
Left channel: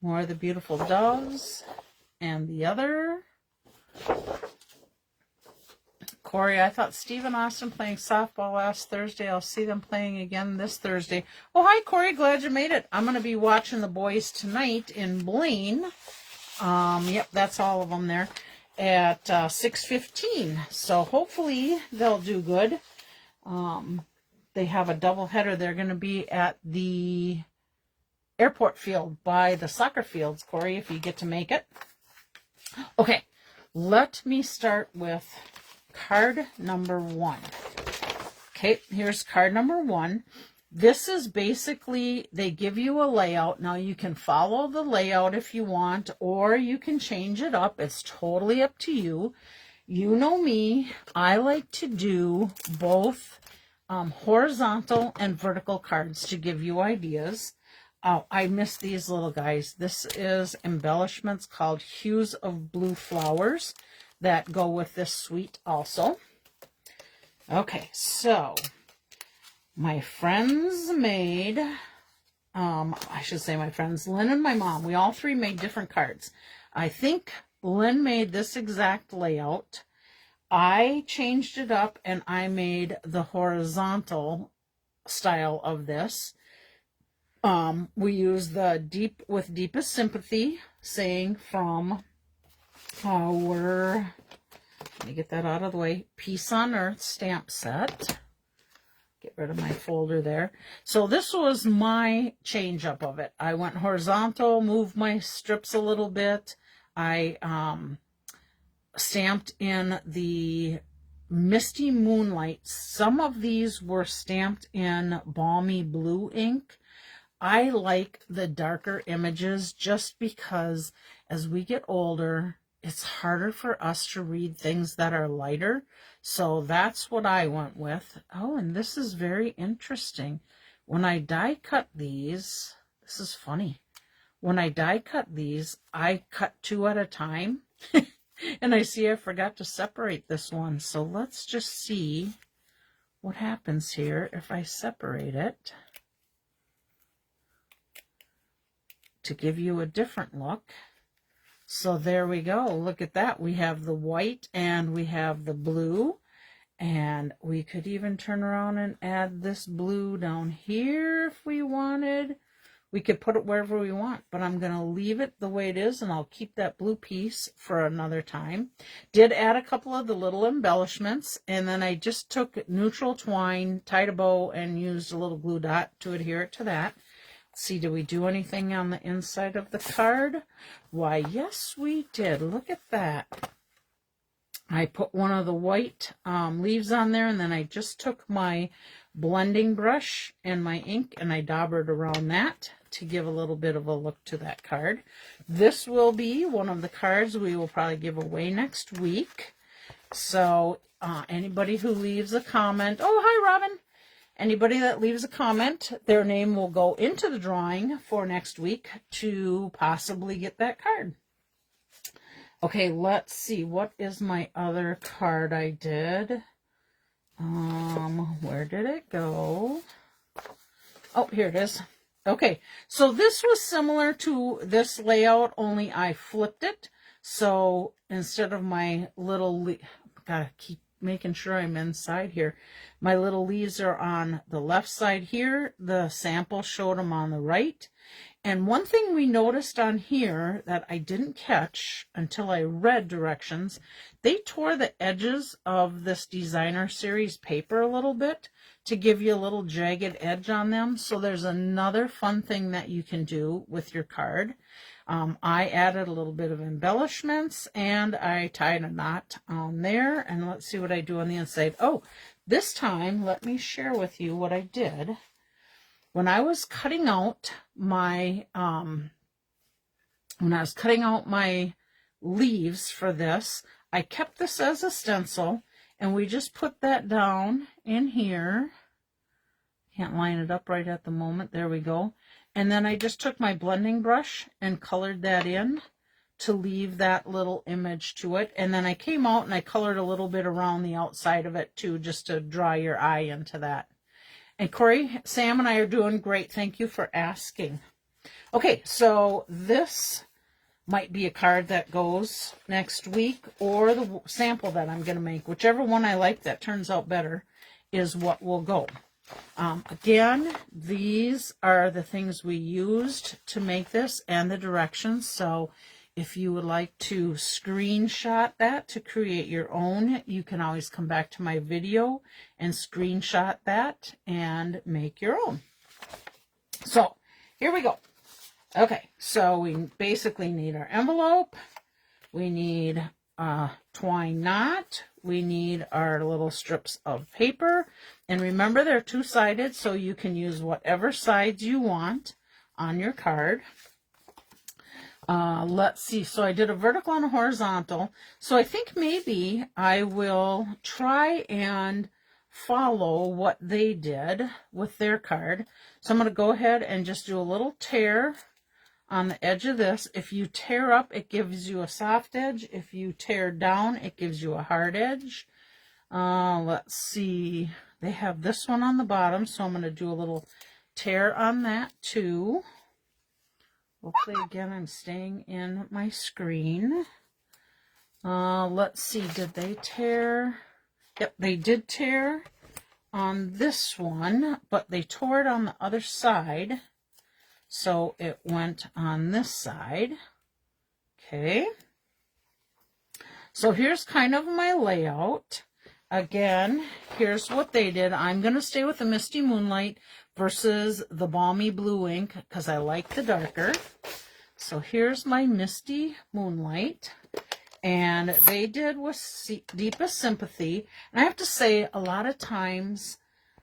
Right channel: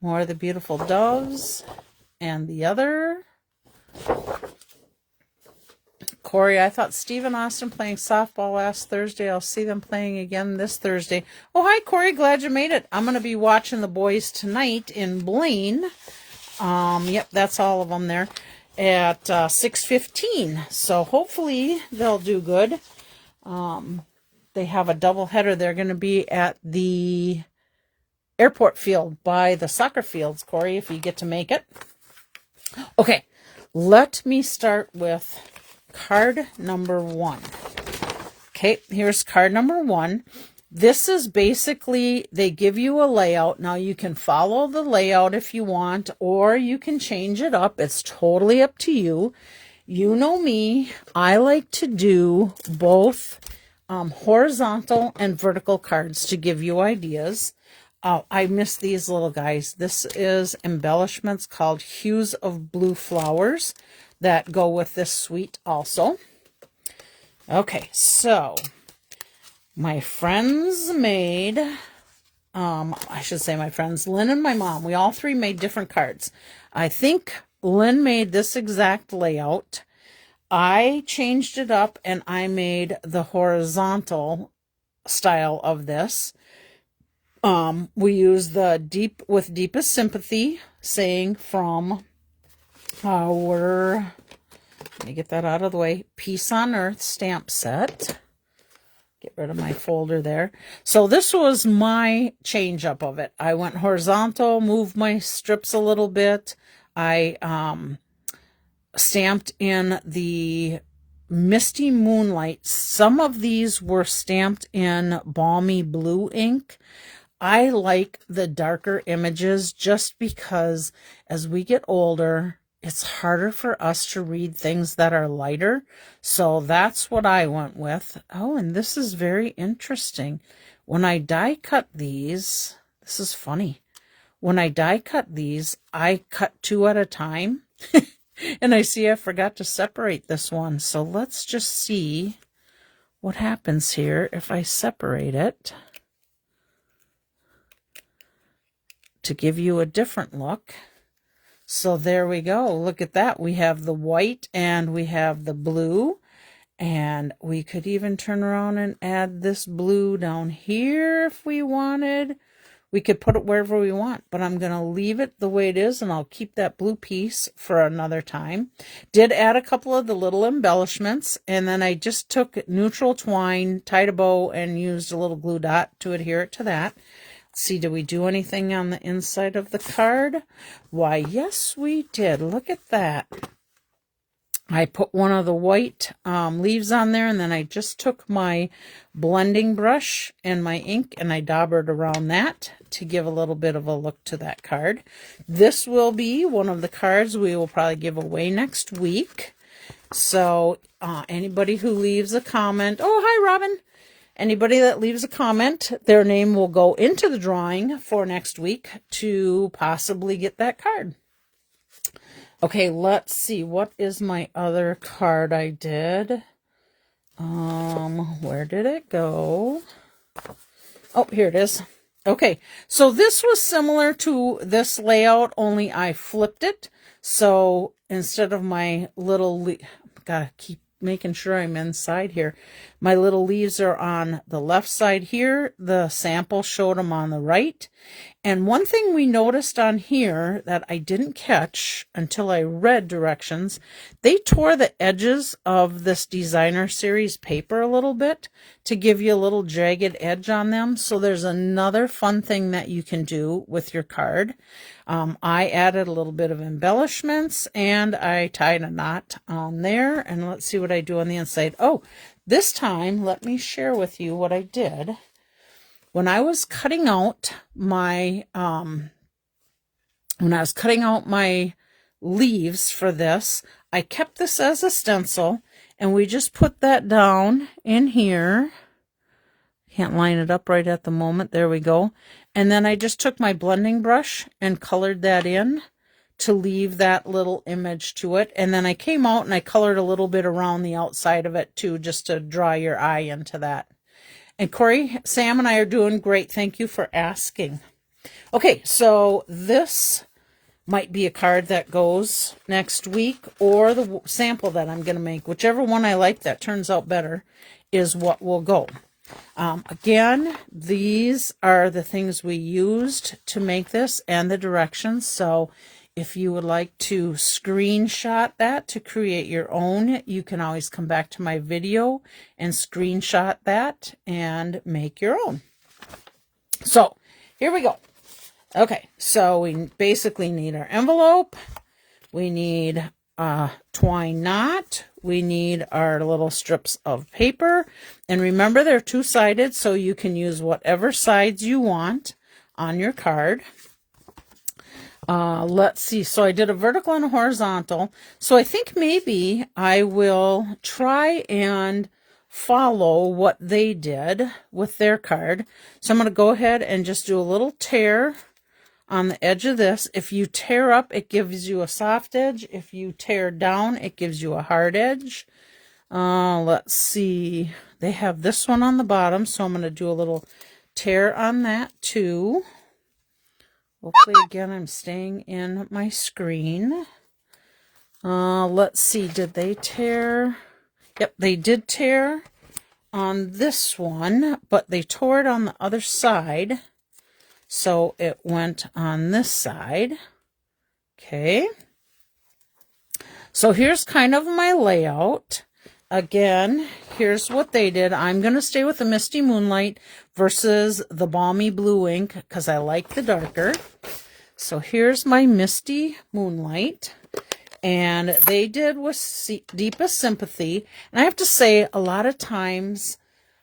More of the beautiful doves. And the other. Corey, I thought Steve and Austin playing softball last Thursday. I'll see them playing again this Thursday. Oh, hi, Corey. Glad you made it. I'm going to be watching the boys tonight in Blaine. Yep, that's all of them there at 6:15. So hopefully they'll do good. They have a doubleheader. They're going to be at the airport field by the soccer fields, Corey, if you get to make it. Okay, let me start with card number 1. Okay, here's card number 1. This is basically, they give you a layout. Now, you can follow the layout if you want, or you can change it up. It's totally up to you. You know me, I like to do both horizontal and vertical cards to give you ideas. I miss these little guys. This is embellishments called Hues of Blue Flowers that go with this suite also. Okay, so my friends made, I should say my friends, Lynn and my mom, we all 3 made different cards. I think Lynn made this exact layout. I changed it up and I made the horizontal style of this. We use the with deepest sympathy saying from our, let me get that out of the way, Peace on Earth stamp set. Get rid of my folder there. So this was my change up of it. I went horizontal, moved my strips a little bit. I stamped in the Misty Moonlight. Some of these were stamped in Balmy Blue ink. I like the darker images just because as we get older, it's harder for us to read things that are lighter. So that's what I went with. Oh, and this is very interesting. When I die cut these, this is funny. When I die cut these, I cut 2 at a time. And I see I forgot to separate this one. So let's just see what happens here if I separate it to give you a different look. So there we go. Look at that. We have the white and we have the blue. And we could even turn around and add this blue down here if we wanted. We could put it wherever we want, but I'm going to leave it the way it is, and I'll keep that blue piece for another time. Did add a couple of the little embellishments, and then I just took neutral twine, tied a bow, and used a little glue dot to adhere it to that. Let's see, did we do anything on the inside of the card? Why, yes, we did. Look at that. I put one of the white leaves on there, and then I just took my blending brush and my ink, and I daubered around that to give a little bit of a look to that card. This will be one of the cards we will probably give away next week. So anybody who leaves a comment, oh, hi, Robin. Anybody that leaves a comment, their name will go into the drawing for next week to possibly get that card. Okay, let's see. What is my other card I did? Where did it go? Oh, here it is. Okay, so this was similar to this layout, only I flipped it. So instead of my little, gotta keep making sure I'm inside here. My little leaves are on the left side here. The sample showed them on the right. And one thing we noticed on here that I didn't catch until I read directions, they tore the edges of this designer series paper a little bit to give you a little jagged edge on them. So there's another fun thing that you can do with your card. I added a little bit of embellishments and I tied a knot on there. And let's see what I do on the inside. Oh, this time, let me share with you what I did. When I was cutting out my leaves for this, I kept this as a stencil, and we just put that down in here. Can't line it up right at the moment. There we go. And then I just took my blending brush and colored that in to leave that little image to it. And then I came out and I colored a little bit around the outside of it too, just to draw your eye into that. And Corey, Sam, and I are doing great. Thank you for asking. Okay, so this might be a card that goes next week, or the sample that I'm going to make. Whichever one I like that turns out better is what will go. Again, these are the things we used to make this and the directions. So if you would like to screenshot that to create your own, you can always come back to my video and screenshot that and make your own. So here we go. Okay, so we basically need our envelope. We need a twine knot. We need our little strips of paper. And remember, they're two-sided, so you can use whatever sides you want on your card. Let's see. So I did a vertical and a horizontal. So I think maybe I will try and follow what they did with their card. So I'm going to go ahead and just do a little tear on the edge of this. If you tear up, it gives you a soft edge. If you tear down, it gives you a hard edge. Let's see. They have this one on the bottom, so I'm going to do a little tear on that too. Hopefully, again, I'm staying in my screen. Let's see, did they tear? Yep, they did tear on this one, but they tore it on the other side. So it went on this side. Okay. So here's kind of my layout. Again, here's what they did. I'm going to stay with the Misty Moonlight versus the Balmy Blue ink because I like the darker. So here's my Misty Moonlight. And they did with Deepest Sympathy. And I have to say, a lot of times,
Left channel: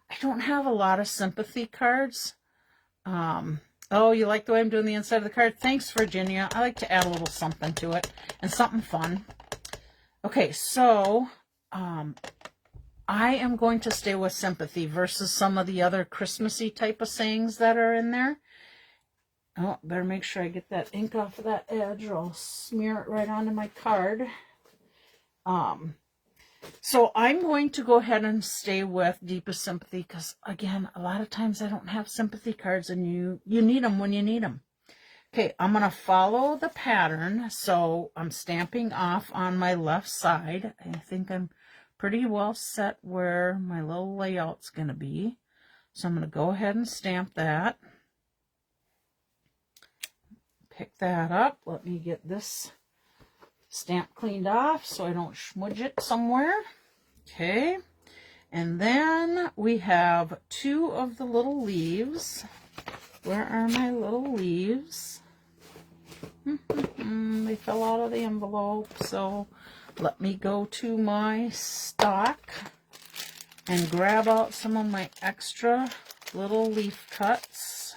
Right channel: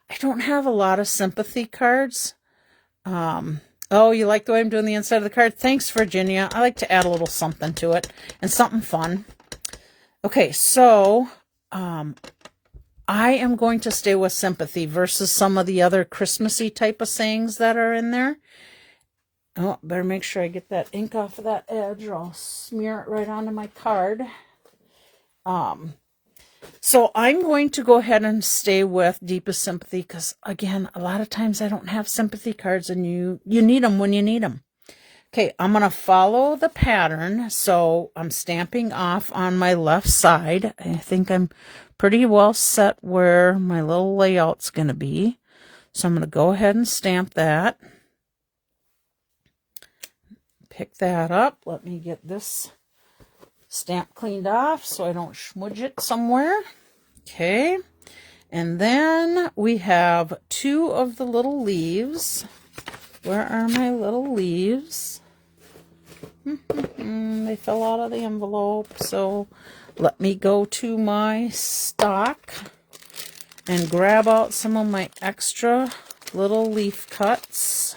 I don't have a lot of sympathy cards. Oh, you like the way I'm doing the inside of the card? Thanks, Virginia. I like to add a little something to it and something fun. Okay, so I am going to stay with Sympathy versus some of the other Christmassy type of sayings that are in there. Oh, better make sure I get that ink off of that edge or I'll smear it right onto my card. So I'm going to go ahead and stay with Deepest Sympathy because, again, a lot of times I don't have sympathy cards and you need them when you need them. Okay, I'm going to follow the pattern. So I'm stamping off on my left side. I think I'm pretty well set where my little layout's going to be. So I'm going to go ahead and stamp that. Pick that up. Let me get this stamp cleaned off so I don't smudge it somewhere. Okay. And then we have two of the little leaves. Where are my little leaves? They fell out of the envelope. So let me go to my stock and grab out some of my extra little leaf cuts.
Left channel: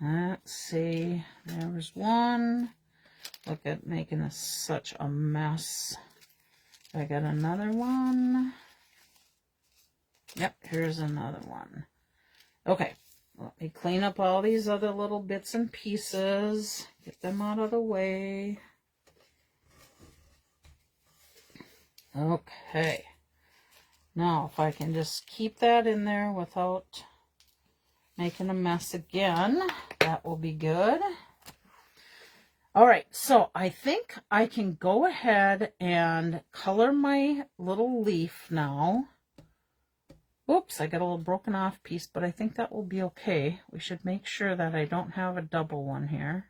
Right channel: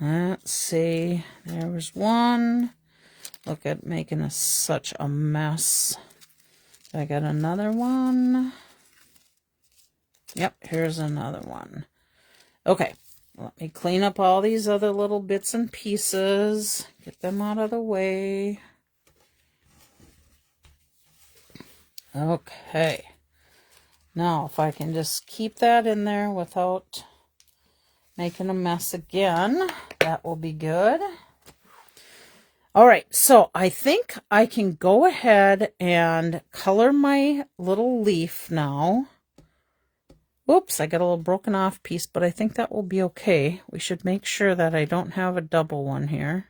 Let's see. There was one. Look at making such a mess. I got another one. Yep, here's another one. Okay, let me clean up all these other little bits and pieces. Get them out of the way. Okay. Now, if I can just keep that in there without making a mess again, that will be good. All right, so I think I can go ahead and color my little leaf now. Whoops, I got a little broken off piece, but I think that will be okay. We should make sure that I don't have a double one here.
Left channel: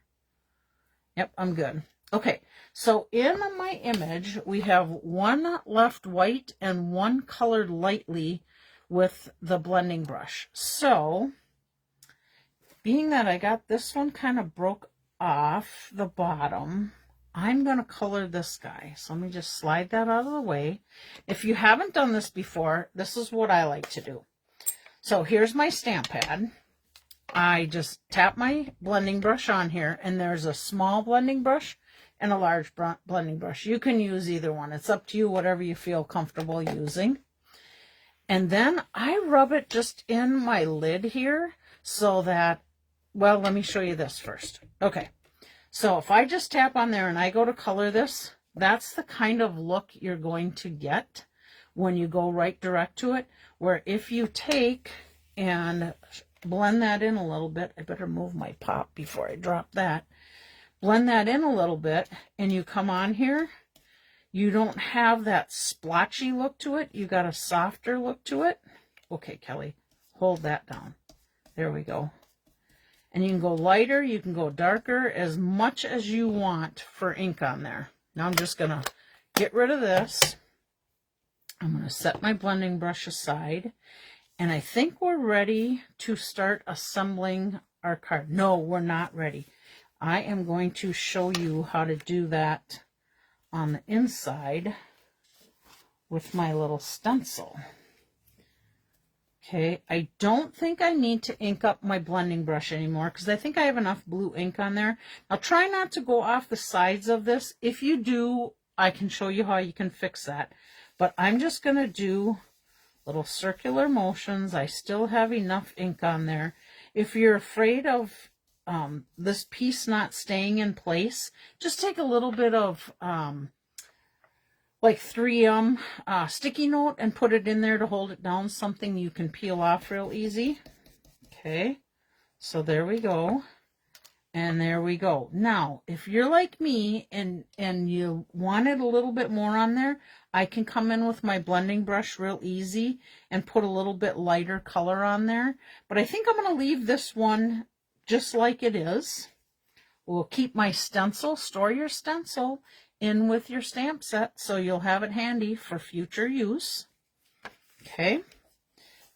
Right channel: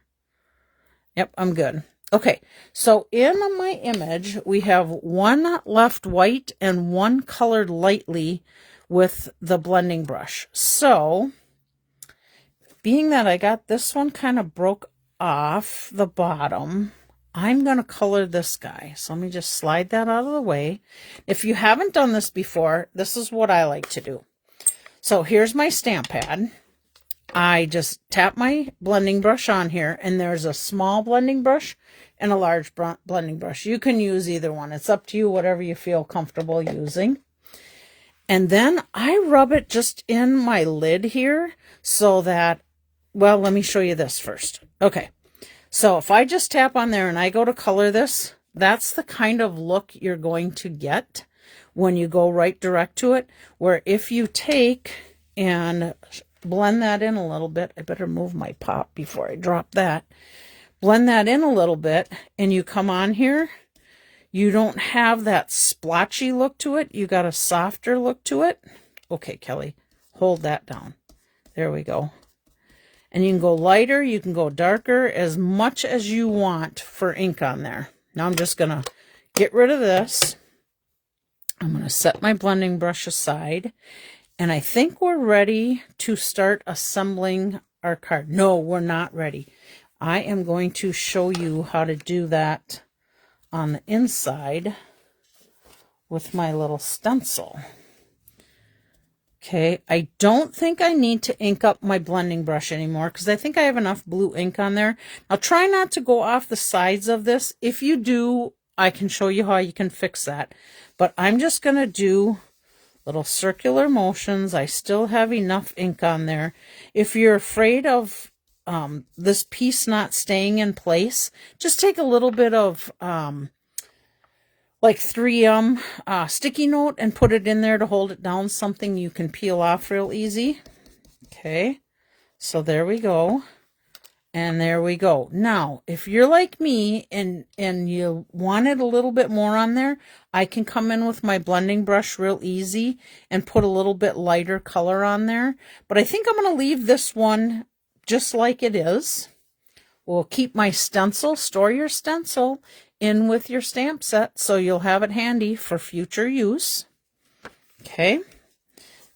Yep, I'm good. Okay, so in my image, we have one left white and one colored lightly with the blending brush. So, being that I got this one kind of broke off the bottom, I'm going to color this guy. So let me just slide that out of the way. If you haven't done this before, this is what I like to do. So here's my stamp pad. I just tap my blending brush on here, and there's a small blending brush and a large blending brush. You can use either one. It's up to you, whatever you feel comfortable using. And then I rub it just in my lid here so that, well, let me show you this first. Okay, so if I just tap on there and I go to color this, that's the kind of look you're going to get when you go right direct to it, where if you take and blend that in a little bit, I better move my pop before I drop that, blend that in a little bit, and you come on here, you don't have that splotchy look to it, you got a softer look to it. Okay, Kelly, hold that down. There we go. And you can go lighter, you can go darker, as much as you want for ink on there. Now I'm just going to get rid of this. I'm going to set my blending brush aside. And I think we're ready to start assembling our card. No, we're not ready. I am going to show you how to do that on the inside with my little stencil. Okay, I don't think I need to ink up my blending brush anymore because I think I have enough blue ink on there. Now try not to go off the sides of this. If you do, I can show you how you can fix that. But I'm just going to do little circular motions. I still have enough ink on there. If you're afraid of this piece not staying in place, just take a little bit of like 3M sticky note and put it in there to hold it down, something you can peel off real easy. Okay, so there we go. And there we go. Now, if you're like me and you wanted a little bit more on there, I can come in with my blending brush real easy and put a little bit lighter color on there. But I think I'm going to leave this one just like it is. We'll keep my stencil, store your stencil in with your stamp set so you'll have it handy for future use. Okay,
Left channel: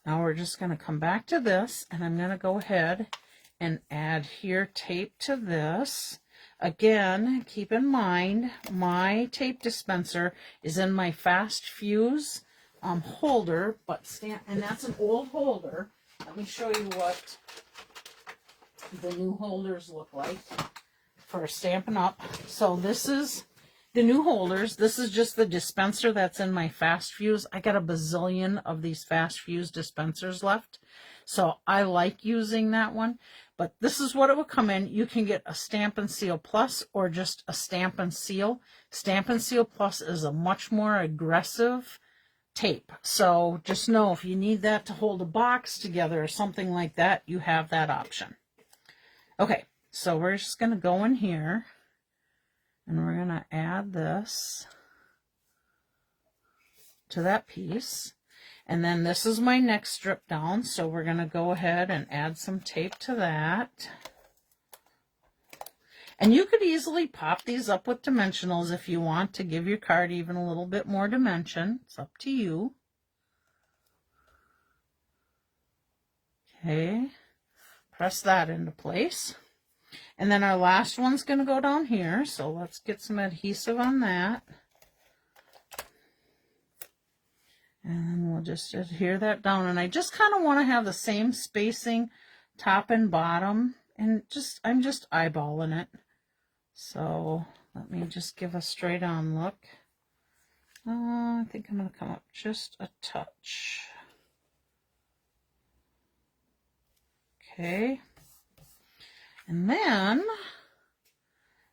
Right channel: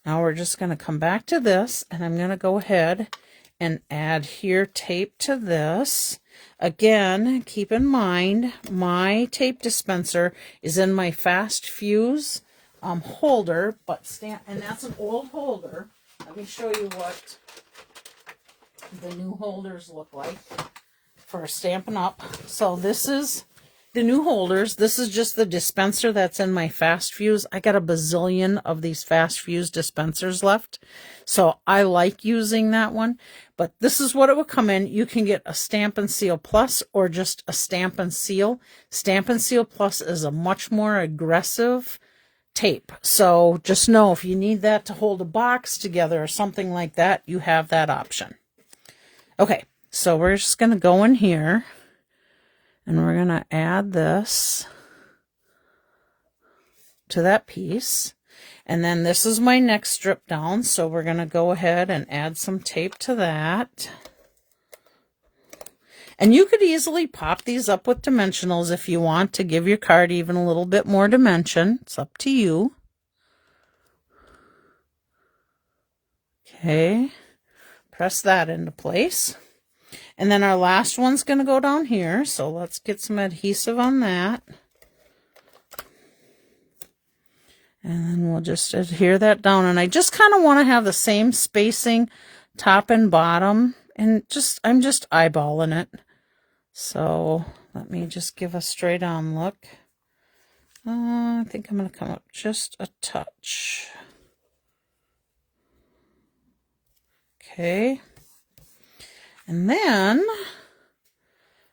now we're just going to come back to this, and I'm going to go ahead and adhere tape to this. Again, keep in mind, my tape dispenser is in my fast fuse holder, and that's an old holder. Let me show you what the new holders look like for Stampin' Up. So this is the new holders. This is just the dispenser that's in my fast fuse. I got a bazillion of these fast fuse dispensers left, so I like using that one. But this is what it would come in. You can get a Stampin' Seal Plus or just a Stampin' Seal. Stampin' Seal Plus is a much more aggressive tape. So just know if you need that to hold a box together or something like that, you have that option. Okay, so we're just going to go in here and we're going to add this to that piece. And then this is my next strip down, so we're going to go ahead and add some tape to that. And you could easily pop these up with dimensionals if you want to give your card even a little bit more dimension. It's up to you. Okay, press that into place. And then our last one's going to go down here, so let's get some adhesive on that. And then we'll just adhere that down. And I just kind of want to have the same spacing top and bottom. And I'm just eyeballing it. So let me just give a straight on look. I think I'm going to come up just a touch. Okay. And then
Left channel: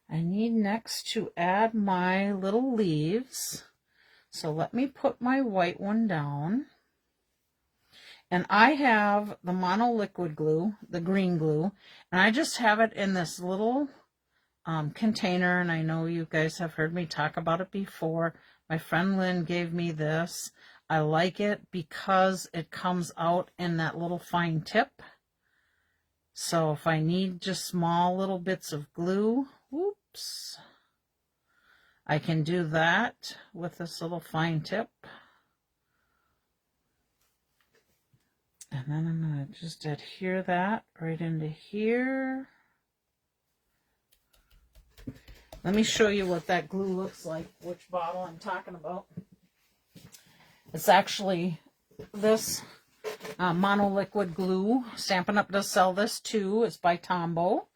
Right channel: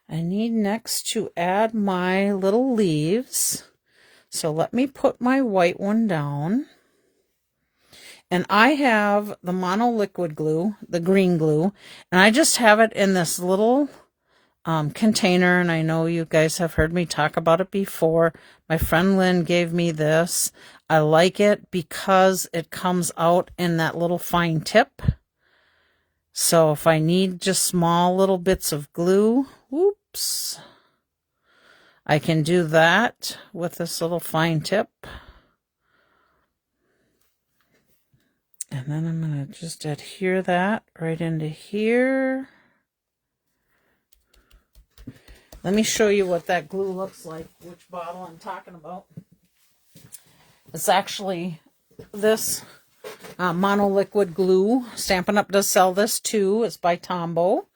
I need next to add my little leaves. So let me put my white one down. And I have the mono liquid glue, the green glue, and I just have it in this little container, and I know you guys have heard me talk about it before. My friend Lynn gave me this. I like it because it comes out in that little fine tip. So if I need just small little bits of glue, whoops, I can do that with this little fine tip. And then I'm going to just adhere that right into here. Let me show you what that glue looks like, which bottle I'm talking about. It's actually this monoliquid glue. Stampin' Up! Does sell this too. It's by Tombow.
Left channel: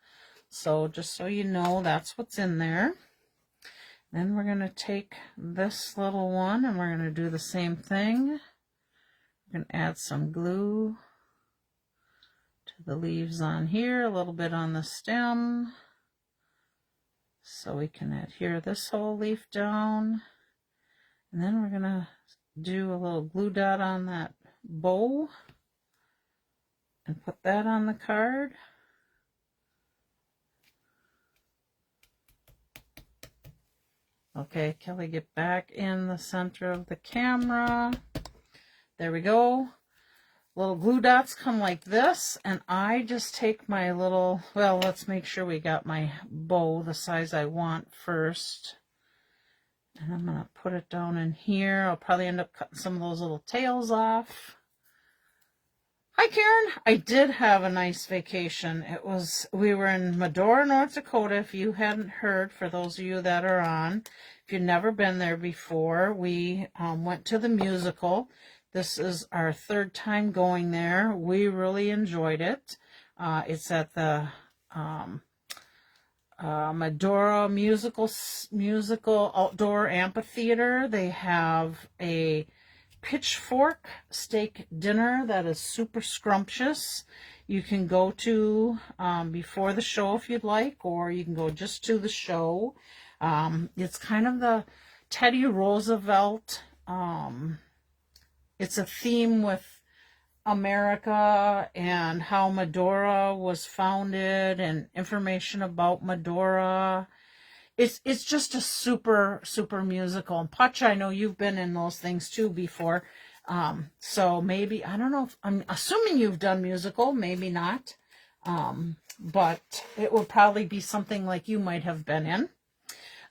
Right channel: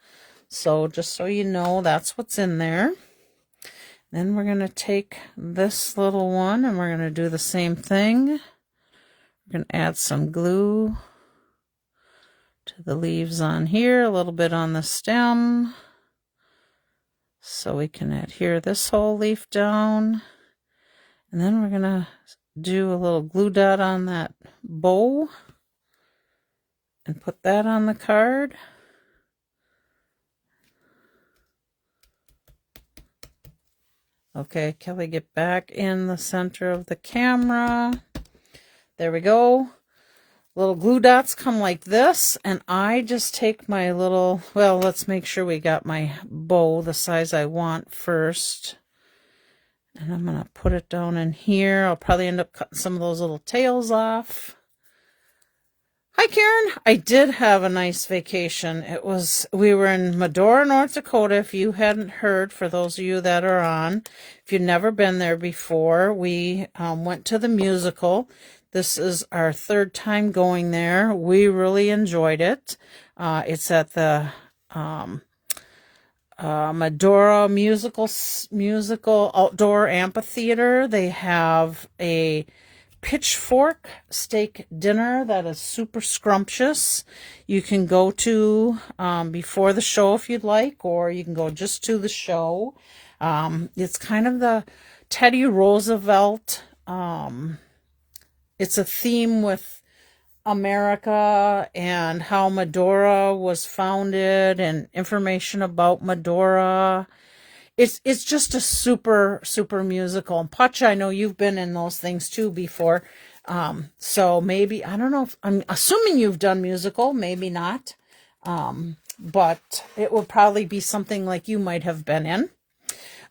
So just so you know, that's what's in there. Then we're going to take this little one and we're going to do the same thing. We're going to add some glue to the leaves on here, a little bit on the stem, so we can adhere this whole leaf down. And then we're going to do a little glue dot on that bow and put that on the card. Okay, Kelly, get back in the center of the camera. There we go. Little glue dots come like this, and I just take my little, well, let's make sure we got my bow the size I want first. And I'm going to put it down in here. I'll probably end up cutting some of those little tails off. Hi, Karen. I did have a nice vacation. We were in Medora, North Dakota. If you hadn't heard, for those of you that are on, if you've never been there before, we went to the musical. This is our third time going there. We really enjoyed it. It's at the Medora musical outdoor amphitheater. They have a pitchfork steak dinner that is super scrumptious. You can go to before the show if you'd like, or you can go just to the show. It's kind of the Teddy Roosevelt. It's a theme with America and how Medora was founded and information about Medora. It's just a super musical. And Putch, I know you've been in those things too before. So maybe, I don't know if, I'm assuming you've done musical, maybe not. But it will probably be something like you might have been in.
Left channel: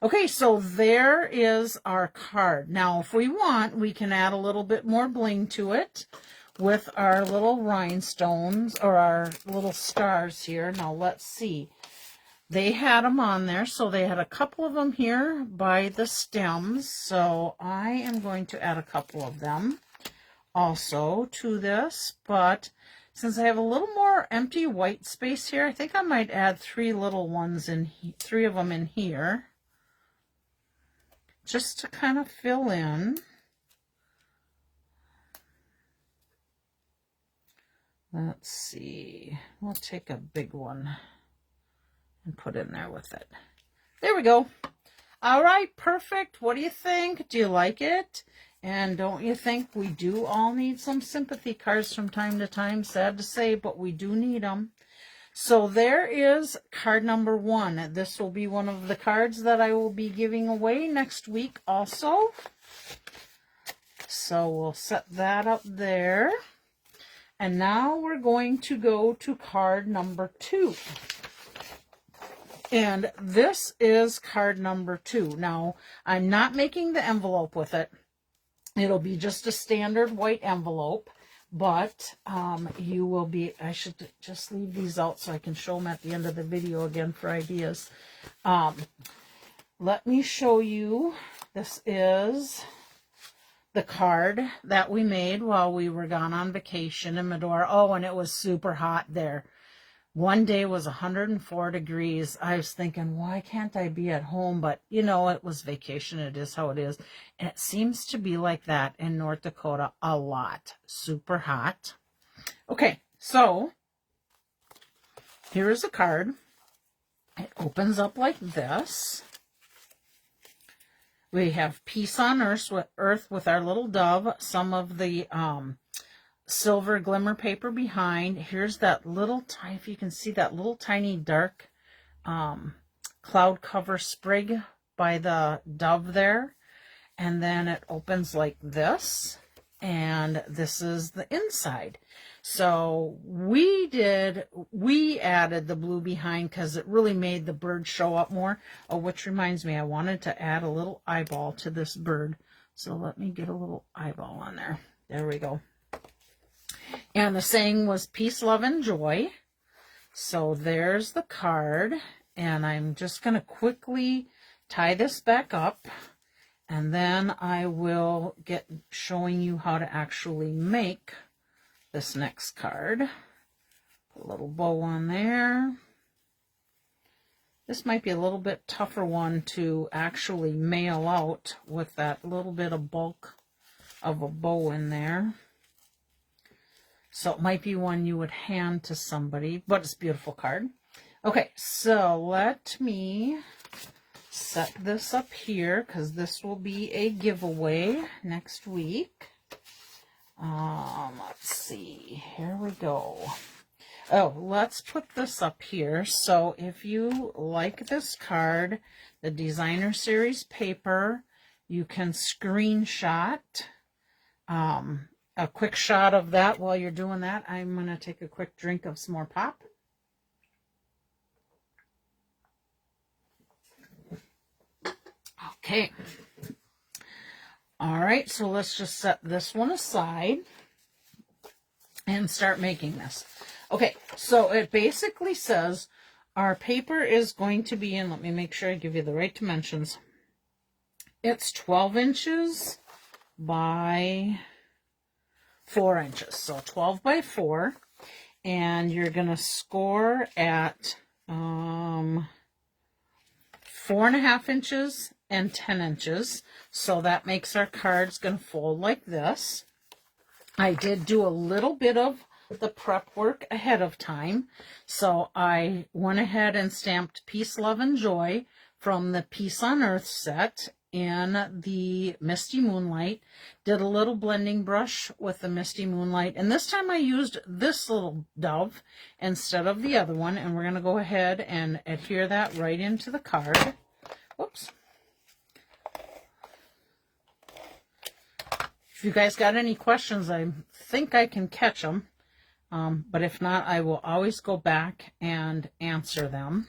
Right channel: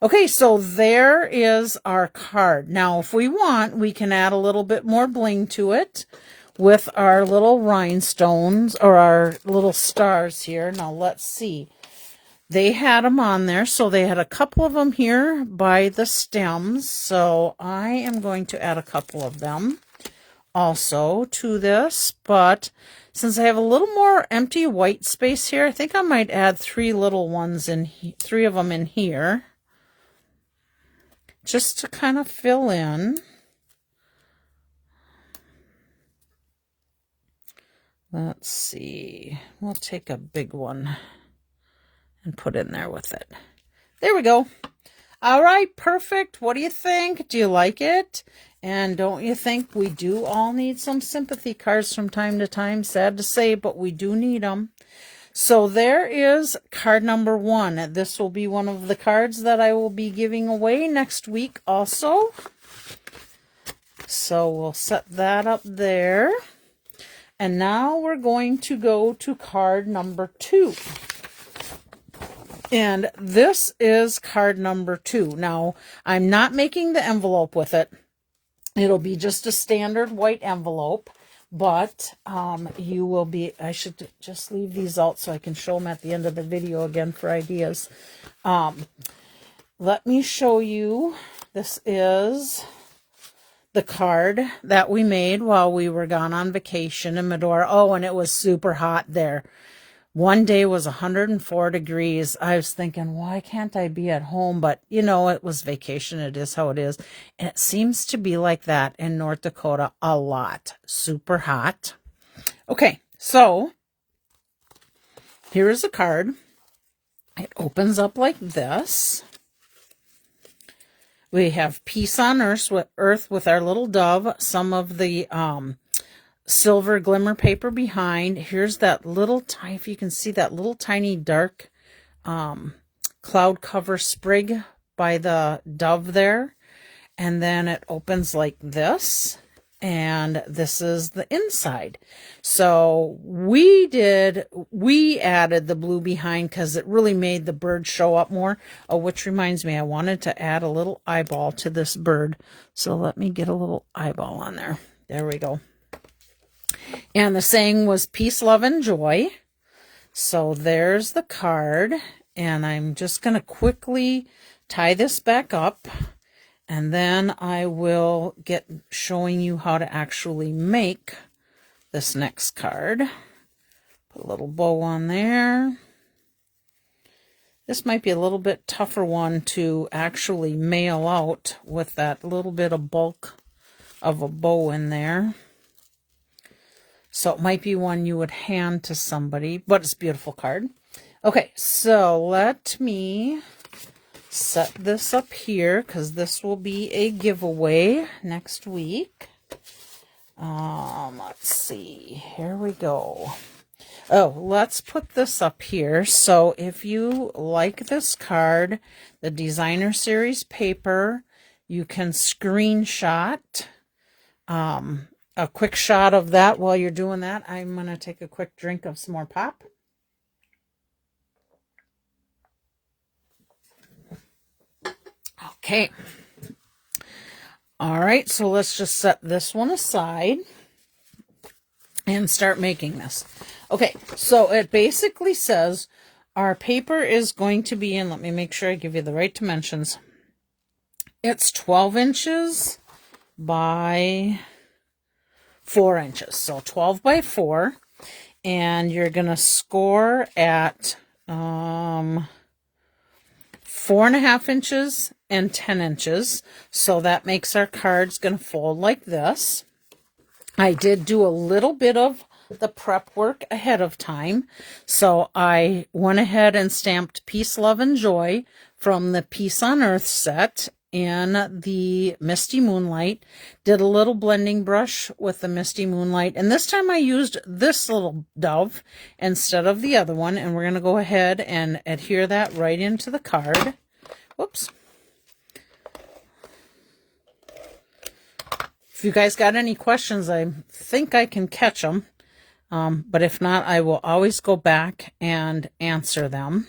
Okay, so there is our card. Now, if we want, we can add a little bit more bling to it with our little rhinestones or our little stars here. Now, let's see. They had them on there, so they had a couple of them here by the stems. So I am going to add a couple of them also to this. But since I have a little more empty white space here, I think I might add three of them in here. Just to kind of fill in. Let's see. We'll take a big one and put in there with it. There we go. All right, perfect. What do you think? Do you like it? And don't you think we do all need some sympathy cards from time to time? Sad to say, but we do need them. So there is card number 1. This will be one of the cards that I will be giving away next week also. So we'll set that up there. And now we're going to go to card number 2. And this is card number 2. Now, I'm not making the envelope with it. It'll be just a standard white envelope. But you will be, I should just leave these out so I can show them at the end of the video again for ideas. Let me show you. This is the card that we made while we were gone on vacation in Medora. Oh, and it was super hot there. One day was 104 degrees. I was thinking, why can't I be at home? But, you know, it was vacation. It is how it is. And it seems to be like that in North Dakota a lot. Super hot. Okay, so here is a card. It opens up like this. We have peace on earth with our little dove. Some of the silver glimmer paper behind. Here's that little tiny, if you can see that little tiny dark cloud cover sprig by the dove there. And then it opens like this. And this is the inside. So we added the blue behind because it really made the bird show up more. Oh, which reminds me, I wanted to add a little eyeball to this bird. So let me get a little eyeball on there. There we go. And the saying was peace, love, and joy. So there's the card. And I'm just going to quickly tie this back up. And then I will get showing you how to actually make this next card. Put a little bow on there. This might be a little bit tougher one to actually mail out with that little bit of bulk of a bow in there. So it might be one you would hand to somebody, but it's a beautiful card. Okay, so let me set this up here because this will be a giveaway next week. Let's see, here we go. Oh, let's put this up here. So if you like this card, the designer series paper, you can screenshot a quick shot of that. While you're doing that, I'm going to take a quick drink of some more pop. Okay. All right, so let's just set this one aside and start making this. Okay, so it basically says our paper is going to be in, let me make sure I give you the right dimensions. It's 12 inches by 4 inches. So 12 by 4. And you're going to score at 4.5 inches and 10 inches. So that makes our cards going to fold like this. I did do a little bit of the prep work ahead of time. So I went ahead and stamped Peace, Love, and Joy from the Peace on Earth set in the Misty Moonlight. Did a little blending brush with the Misty Moonlight. And this time I used this little dove instead of the other one. And we're going to go ahead and adhere that right into the card. Whoops. If you guys got any questions, I think I can catch them. But if not, I will always go back and answer them.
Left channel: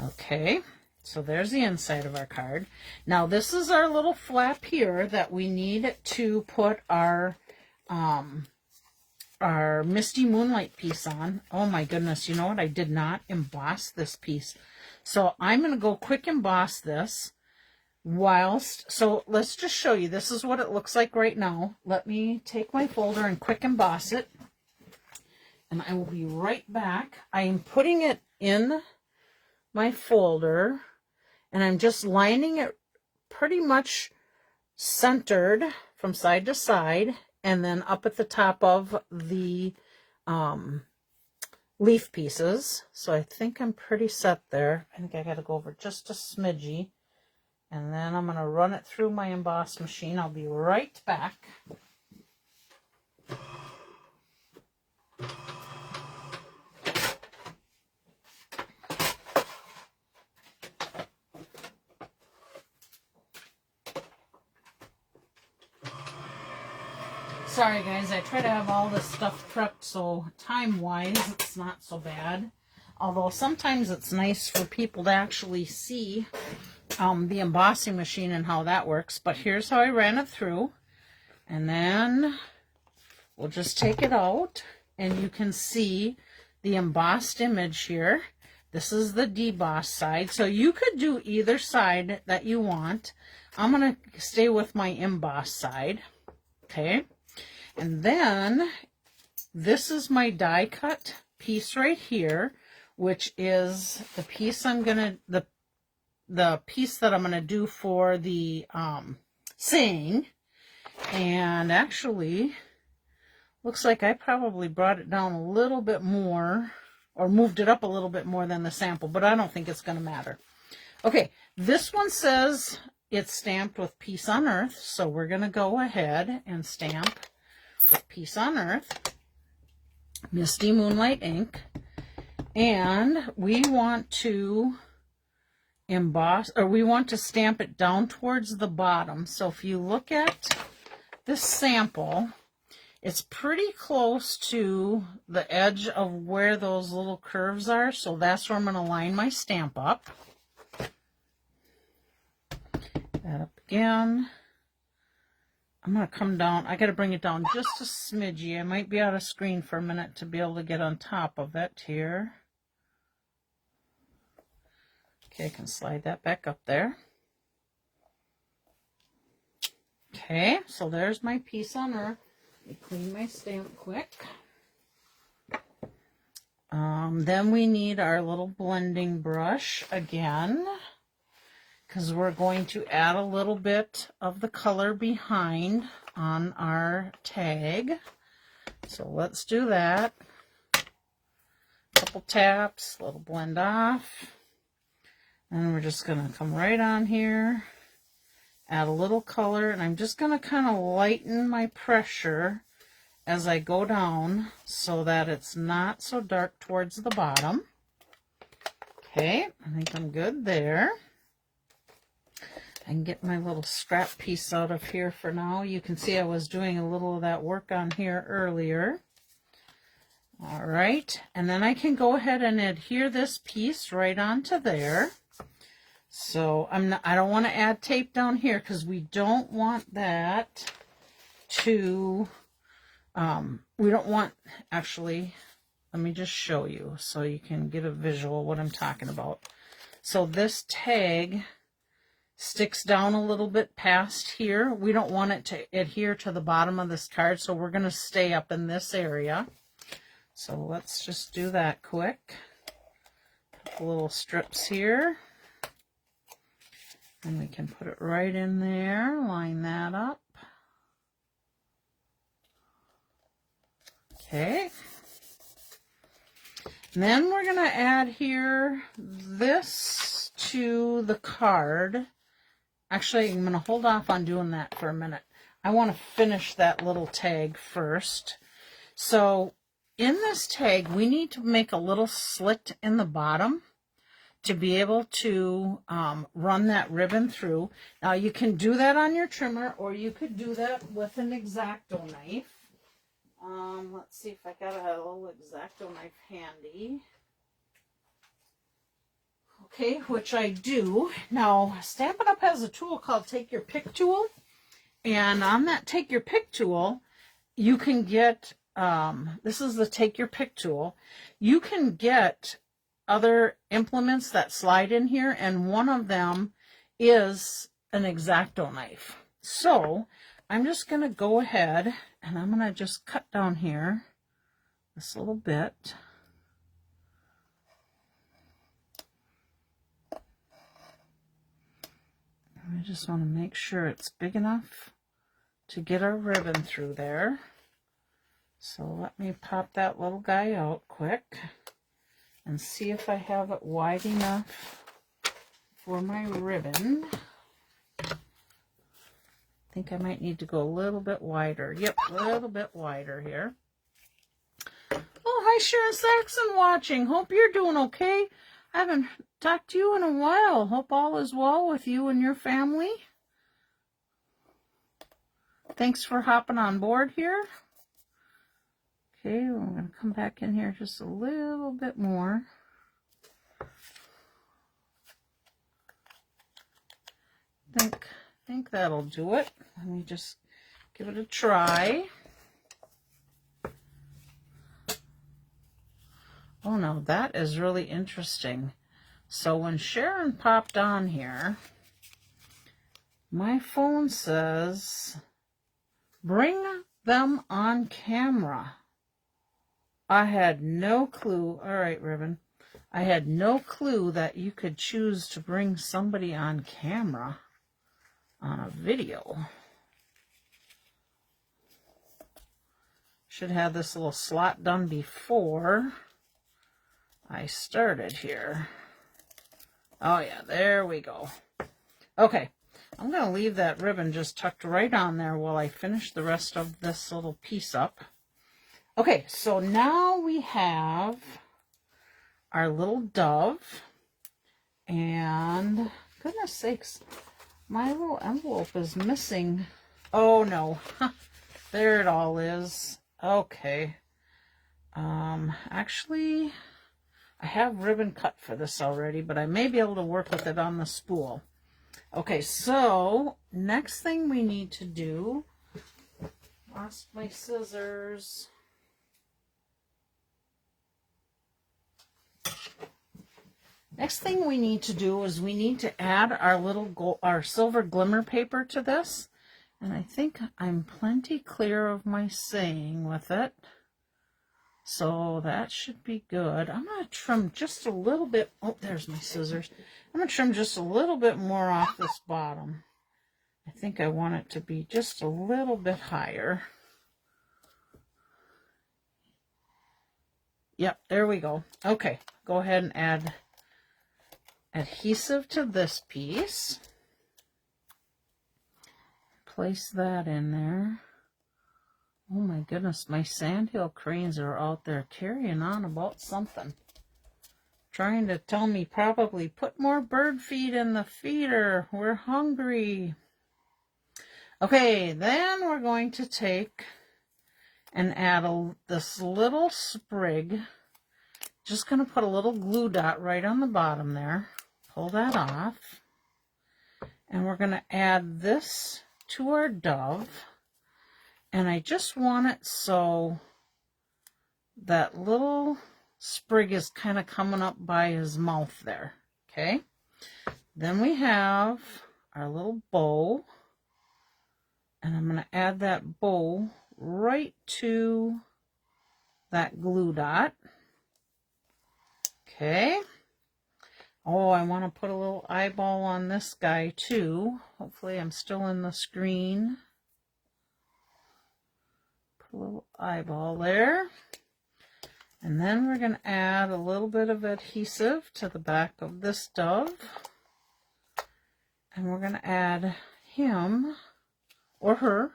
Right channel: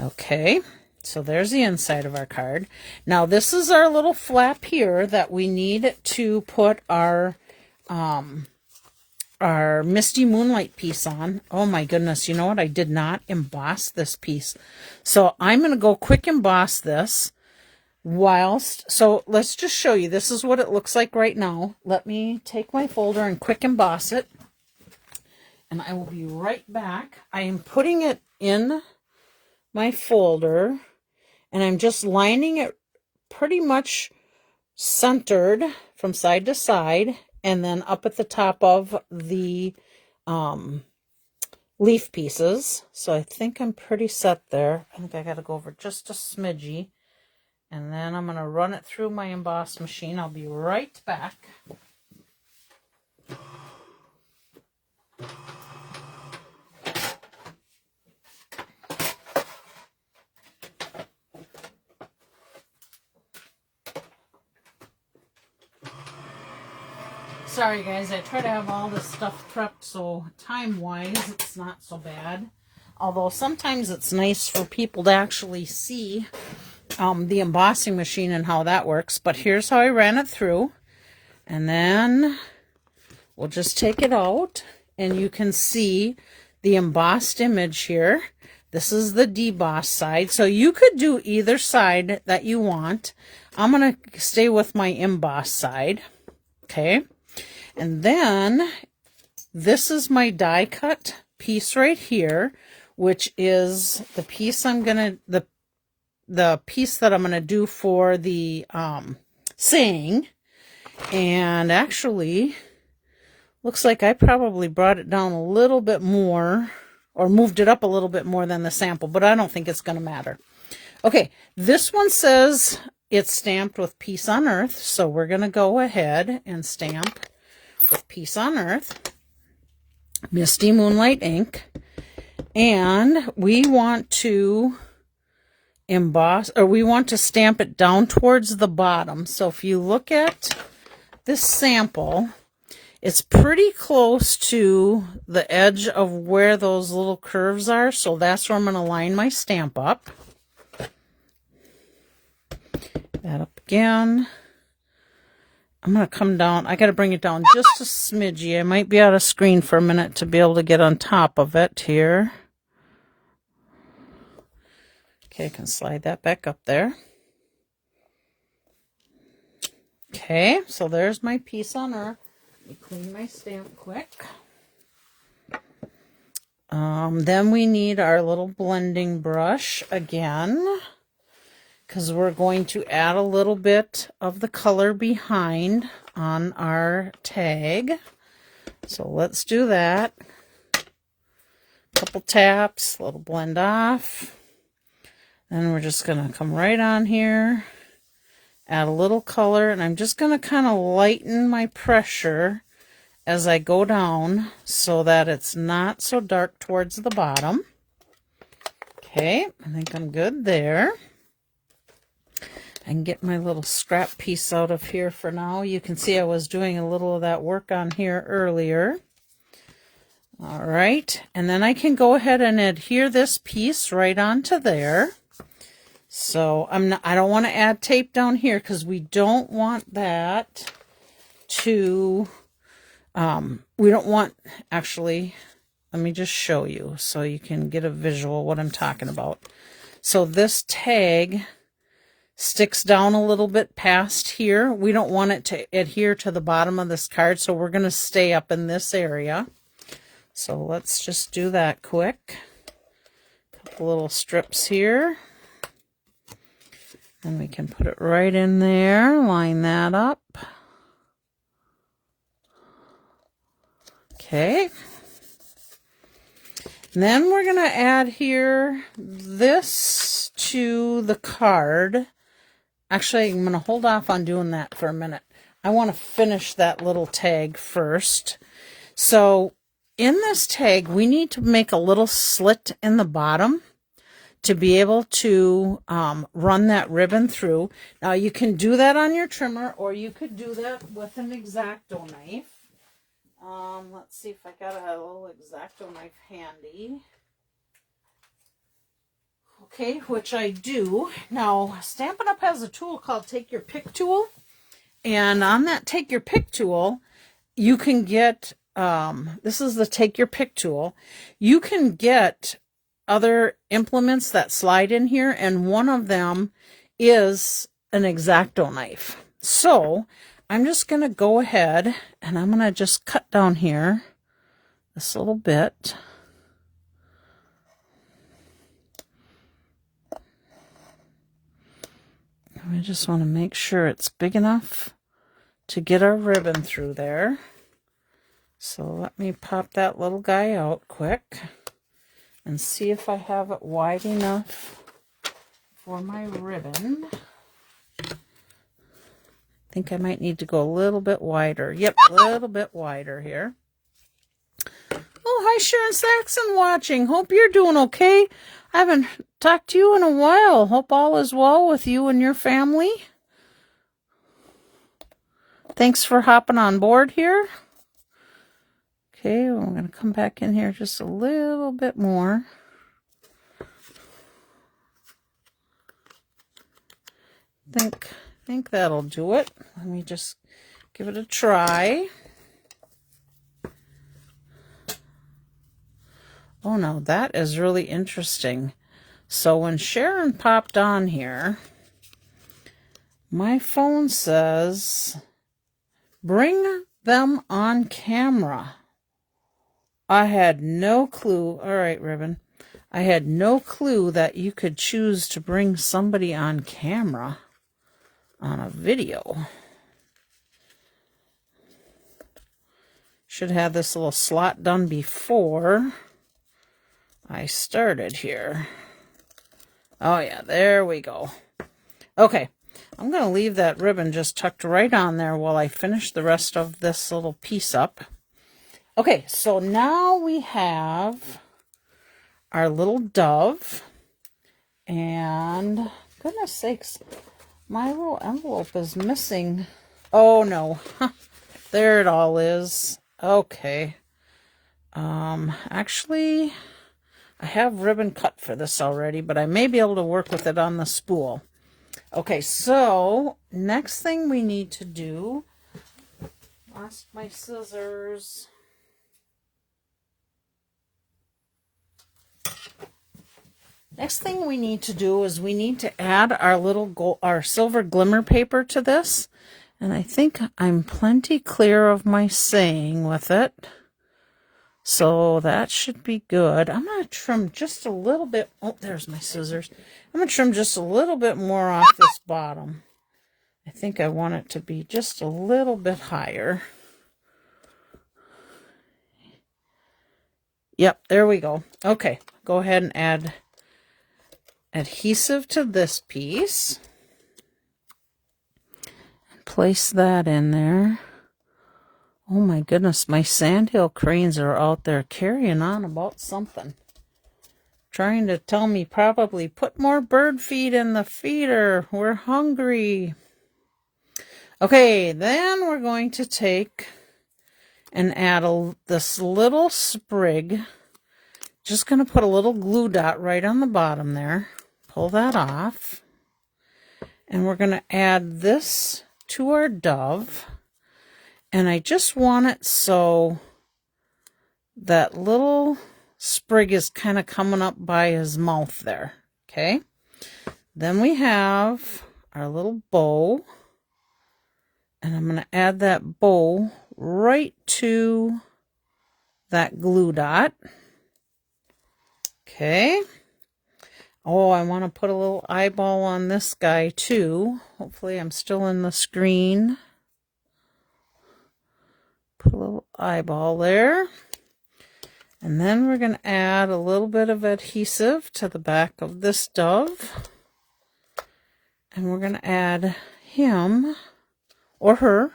Okay, so there's the inside of our card. Now this is our little flap here that we need to put our Misty Moonlight piece on. Oh my goodness, you know what? I did not emboss this piece. So I'm going to go quick emboss this. So let's just show you. This is what it looks like right now. Let me take my folder and quick emboss it. And I will be right back. I am putting it in my folder. And I'm just lining it pretty much centered from side to side. And then up at the top of the leaf pieces. So I think I'm pretty set there. I think I got to go over just a smidgy. And then I'm going to run it through my emboss machine. I'll be right back. Sorry guys, I try to have all this stuff prepped so time-wise it's not so bad. Although sometimes it's nice for people to actually see the embossing machine and how that works. But here's how I ran it through. And then we'll just take it out and you can see the embossed image here. This is the deboss side. So you could do either side that you want. I'm going to stay with my emboss side. Okay. And then this is my die cut piece right here, which is the piece I'm going to, the piece that I'm going to do for the saying. And actually, looks like I probably brought it down a little bit more, or moved it up a little bit more than the sample, but I don't think it's going to matter. Okay, this one says it's stamped with Peace on Earth, so we're going to go ahead and stamp with Peace on Earth, Misty Moonlight ink, and we want to emboss, or we want to stamp it down towards the bottom. So if you look at this sample, it's pretty close to the edge of where those little curves are. So that's where I'm going to line my stamp up. That up again. I'm going to come down. I got to bring it down just a smidgy. I might be out of screen for a minute to be able to get on top of it here. Okay, I can slide that back up there. Okay, so there's my piece on Earth. Let me clean my stamp quick. Then we need our little blending brush again, because we're going to add a little bit of the color behind on our tag. So let's do that. Couple taps, a little blend off. Then we're just going to come right on here, add a little color, and I'm just going to kind of lighten my pressure as I go down so that it's not so dark towards the bottom. Okay, I think I'm good there. I can get my little scrap piece out of here for now. You can see I was doing a little of that work on here earlier. All right, and then I can go ahead and adhere this piece right onto there. So I don't want to add tape down here because we don't want that to, we don't want, actually, let me just show you so you can get a visual what I'm talking about. So this tag sticks down a little bit past here. We don't want it to adhere to the bottom of this card, so we're going to stay up in this area. So let's just do that quick. Couple little strips here. And we can put it right in there, line that up. Okay. And then we're going to add here this to the card. Actually, I'm going to hold off on doing that for a minute. I want to finish that little tag first. So in this tag, we need to make a little slit in the bottom to be able to run that ribbon through. Now you can do that on your trimmer, or you could do that with an X-Acto knife. Let's see if I got a little X-Acto knife handy. Okay, which I do. Now, Stampin' Up! Has a tool called Take Your Pick tool. And on that Take Your Pick tool, you can get, this is the Take Your Pick tool. You can get other implements that slide in here, and one of them is an X-Acto knife. So I'm just going to go ahead and I'm going to just cut down here this little bit. We just want to make sure it's big enough to get our ribbon through there. So let me pop that little guy out quick and see if I have it wide enough for my ribbon. I think I might need to go a little bit wider. Yep, a little bit wider here. Oh, hi Sharon Saxon watching. Hope you're doing okay. I haven't talked to you in a while. Hope all is well with you and your family. Thanks for hopping on board here. Okay, well, I'm going to come back in here just a little bit more. Think that'll do it. Let me just give it a try. Oh no, that is really interesting. So when Sharon popped on here, my phone says, bring them on camera. I had no clue. All right, ribbon. I had no clue that you could choose to bring somebody on camera on a video. Should have this little slot done before I started here. Oh yeah, there we go. Okay, I'm going to leave that ribbon just tucked right on there while I finish the rest of this little piece up. Okay, so now we have our little dove, and goodness sakes. My little envelope is missing. Oh no. There it all is. Okay. Actually, I have ribbon cut for this already, but I may be able to work with it on the spool. Okay, so next thing we need to do, lost my scissors. Next thing we need to do is we need to add our silver glimmer paper to this. And I think I'm plenty clear of my saying with it. So that should be good. I'm going to trim just a little bit. Oh, there's my scissors. I'm going to trim just a little bit more off this bottom. I think I want it to be just a little bit higher. Yep, there we go. Okay, go ahead and add adhesive to this piece. Place that in there. Oh my goodness, my sandhill cranes are out there carrying on about something. Trying to tell me probably put more bird feed in the feeder. We're hungry. Okay, then we're going to take and add this little sprig. Just going to put a little glue dot right on the bottom there. Pull that off. And we're going to add this to our dove. And I just want it so that little sprig is kind of coming up by his mouth there. Okay. Then we have our little bow. And I'm going to add that bow right to that glue dot. Okay. Oh, I want to put a little eyeball on this guy too. Hopefully I'm still in the screen. Put a little eyeball there. And then we're going to add a little bit of adhesive to the back of this dove. And we're going to add him or her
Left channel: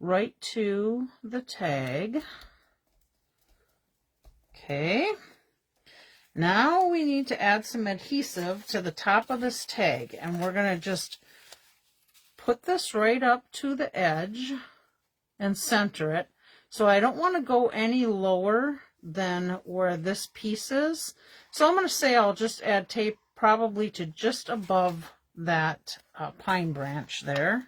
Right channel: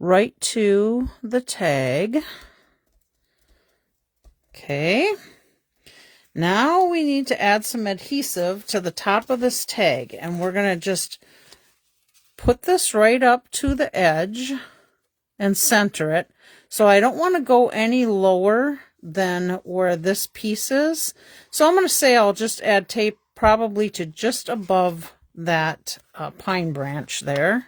right to the tag. Okay. Now we need to add some adhesive to the top of this tag. And we're going to just put this right up to the edge and center it. So I don't want to go any lower than where this piece is. So I'm going to say I'll just add tape probably to just above that pine branch there.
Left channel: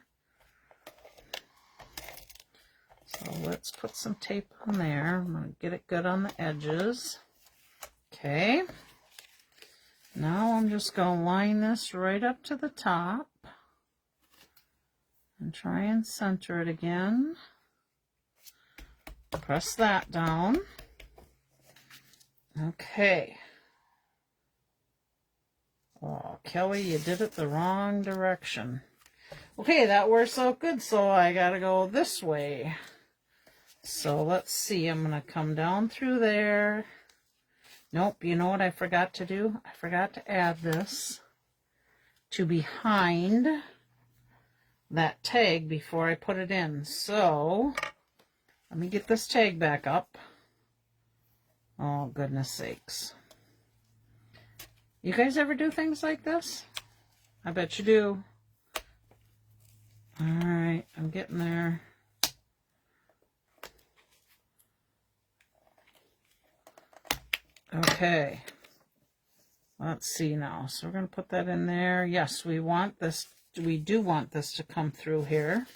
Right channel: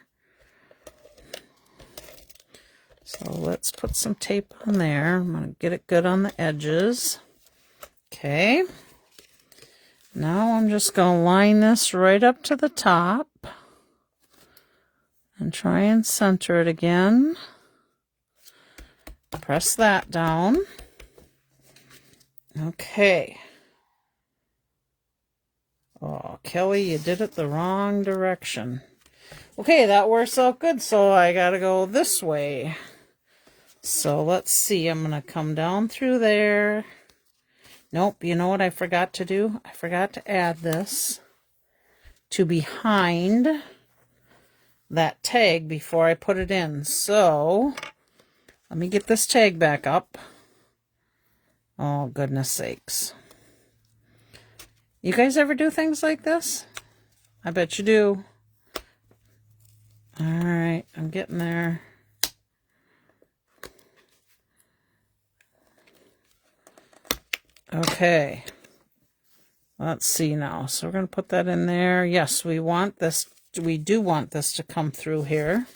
So let's put some tape on there. I'm going to get it good on the edges. Okay. Now I'm just going to line this right up to the top and try and center it again. Press that down. Okay. Oh, Kelly, you did it the wrong direction. Okay, that works out good, so I gotta go this way. So let's see, I'm gonna come down through there. Nope, you know what I forgot to do? I forgot to add this to behind that tag before I put it in. So let me get this tag back up. Oh, goodness sakes. You guys ever do things like this? I bet you do. All right, I'm getting there. Okay. Let's see now. So we're going to put that in there. Yes, we want this. We do want this to come through here.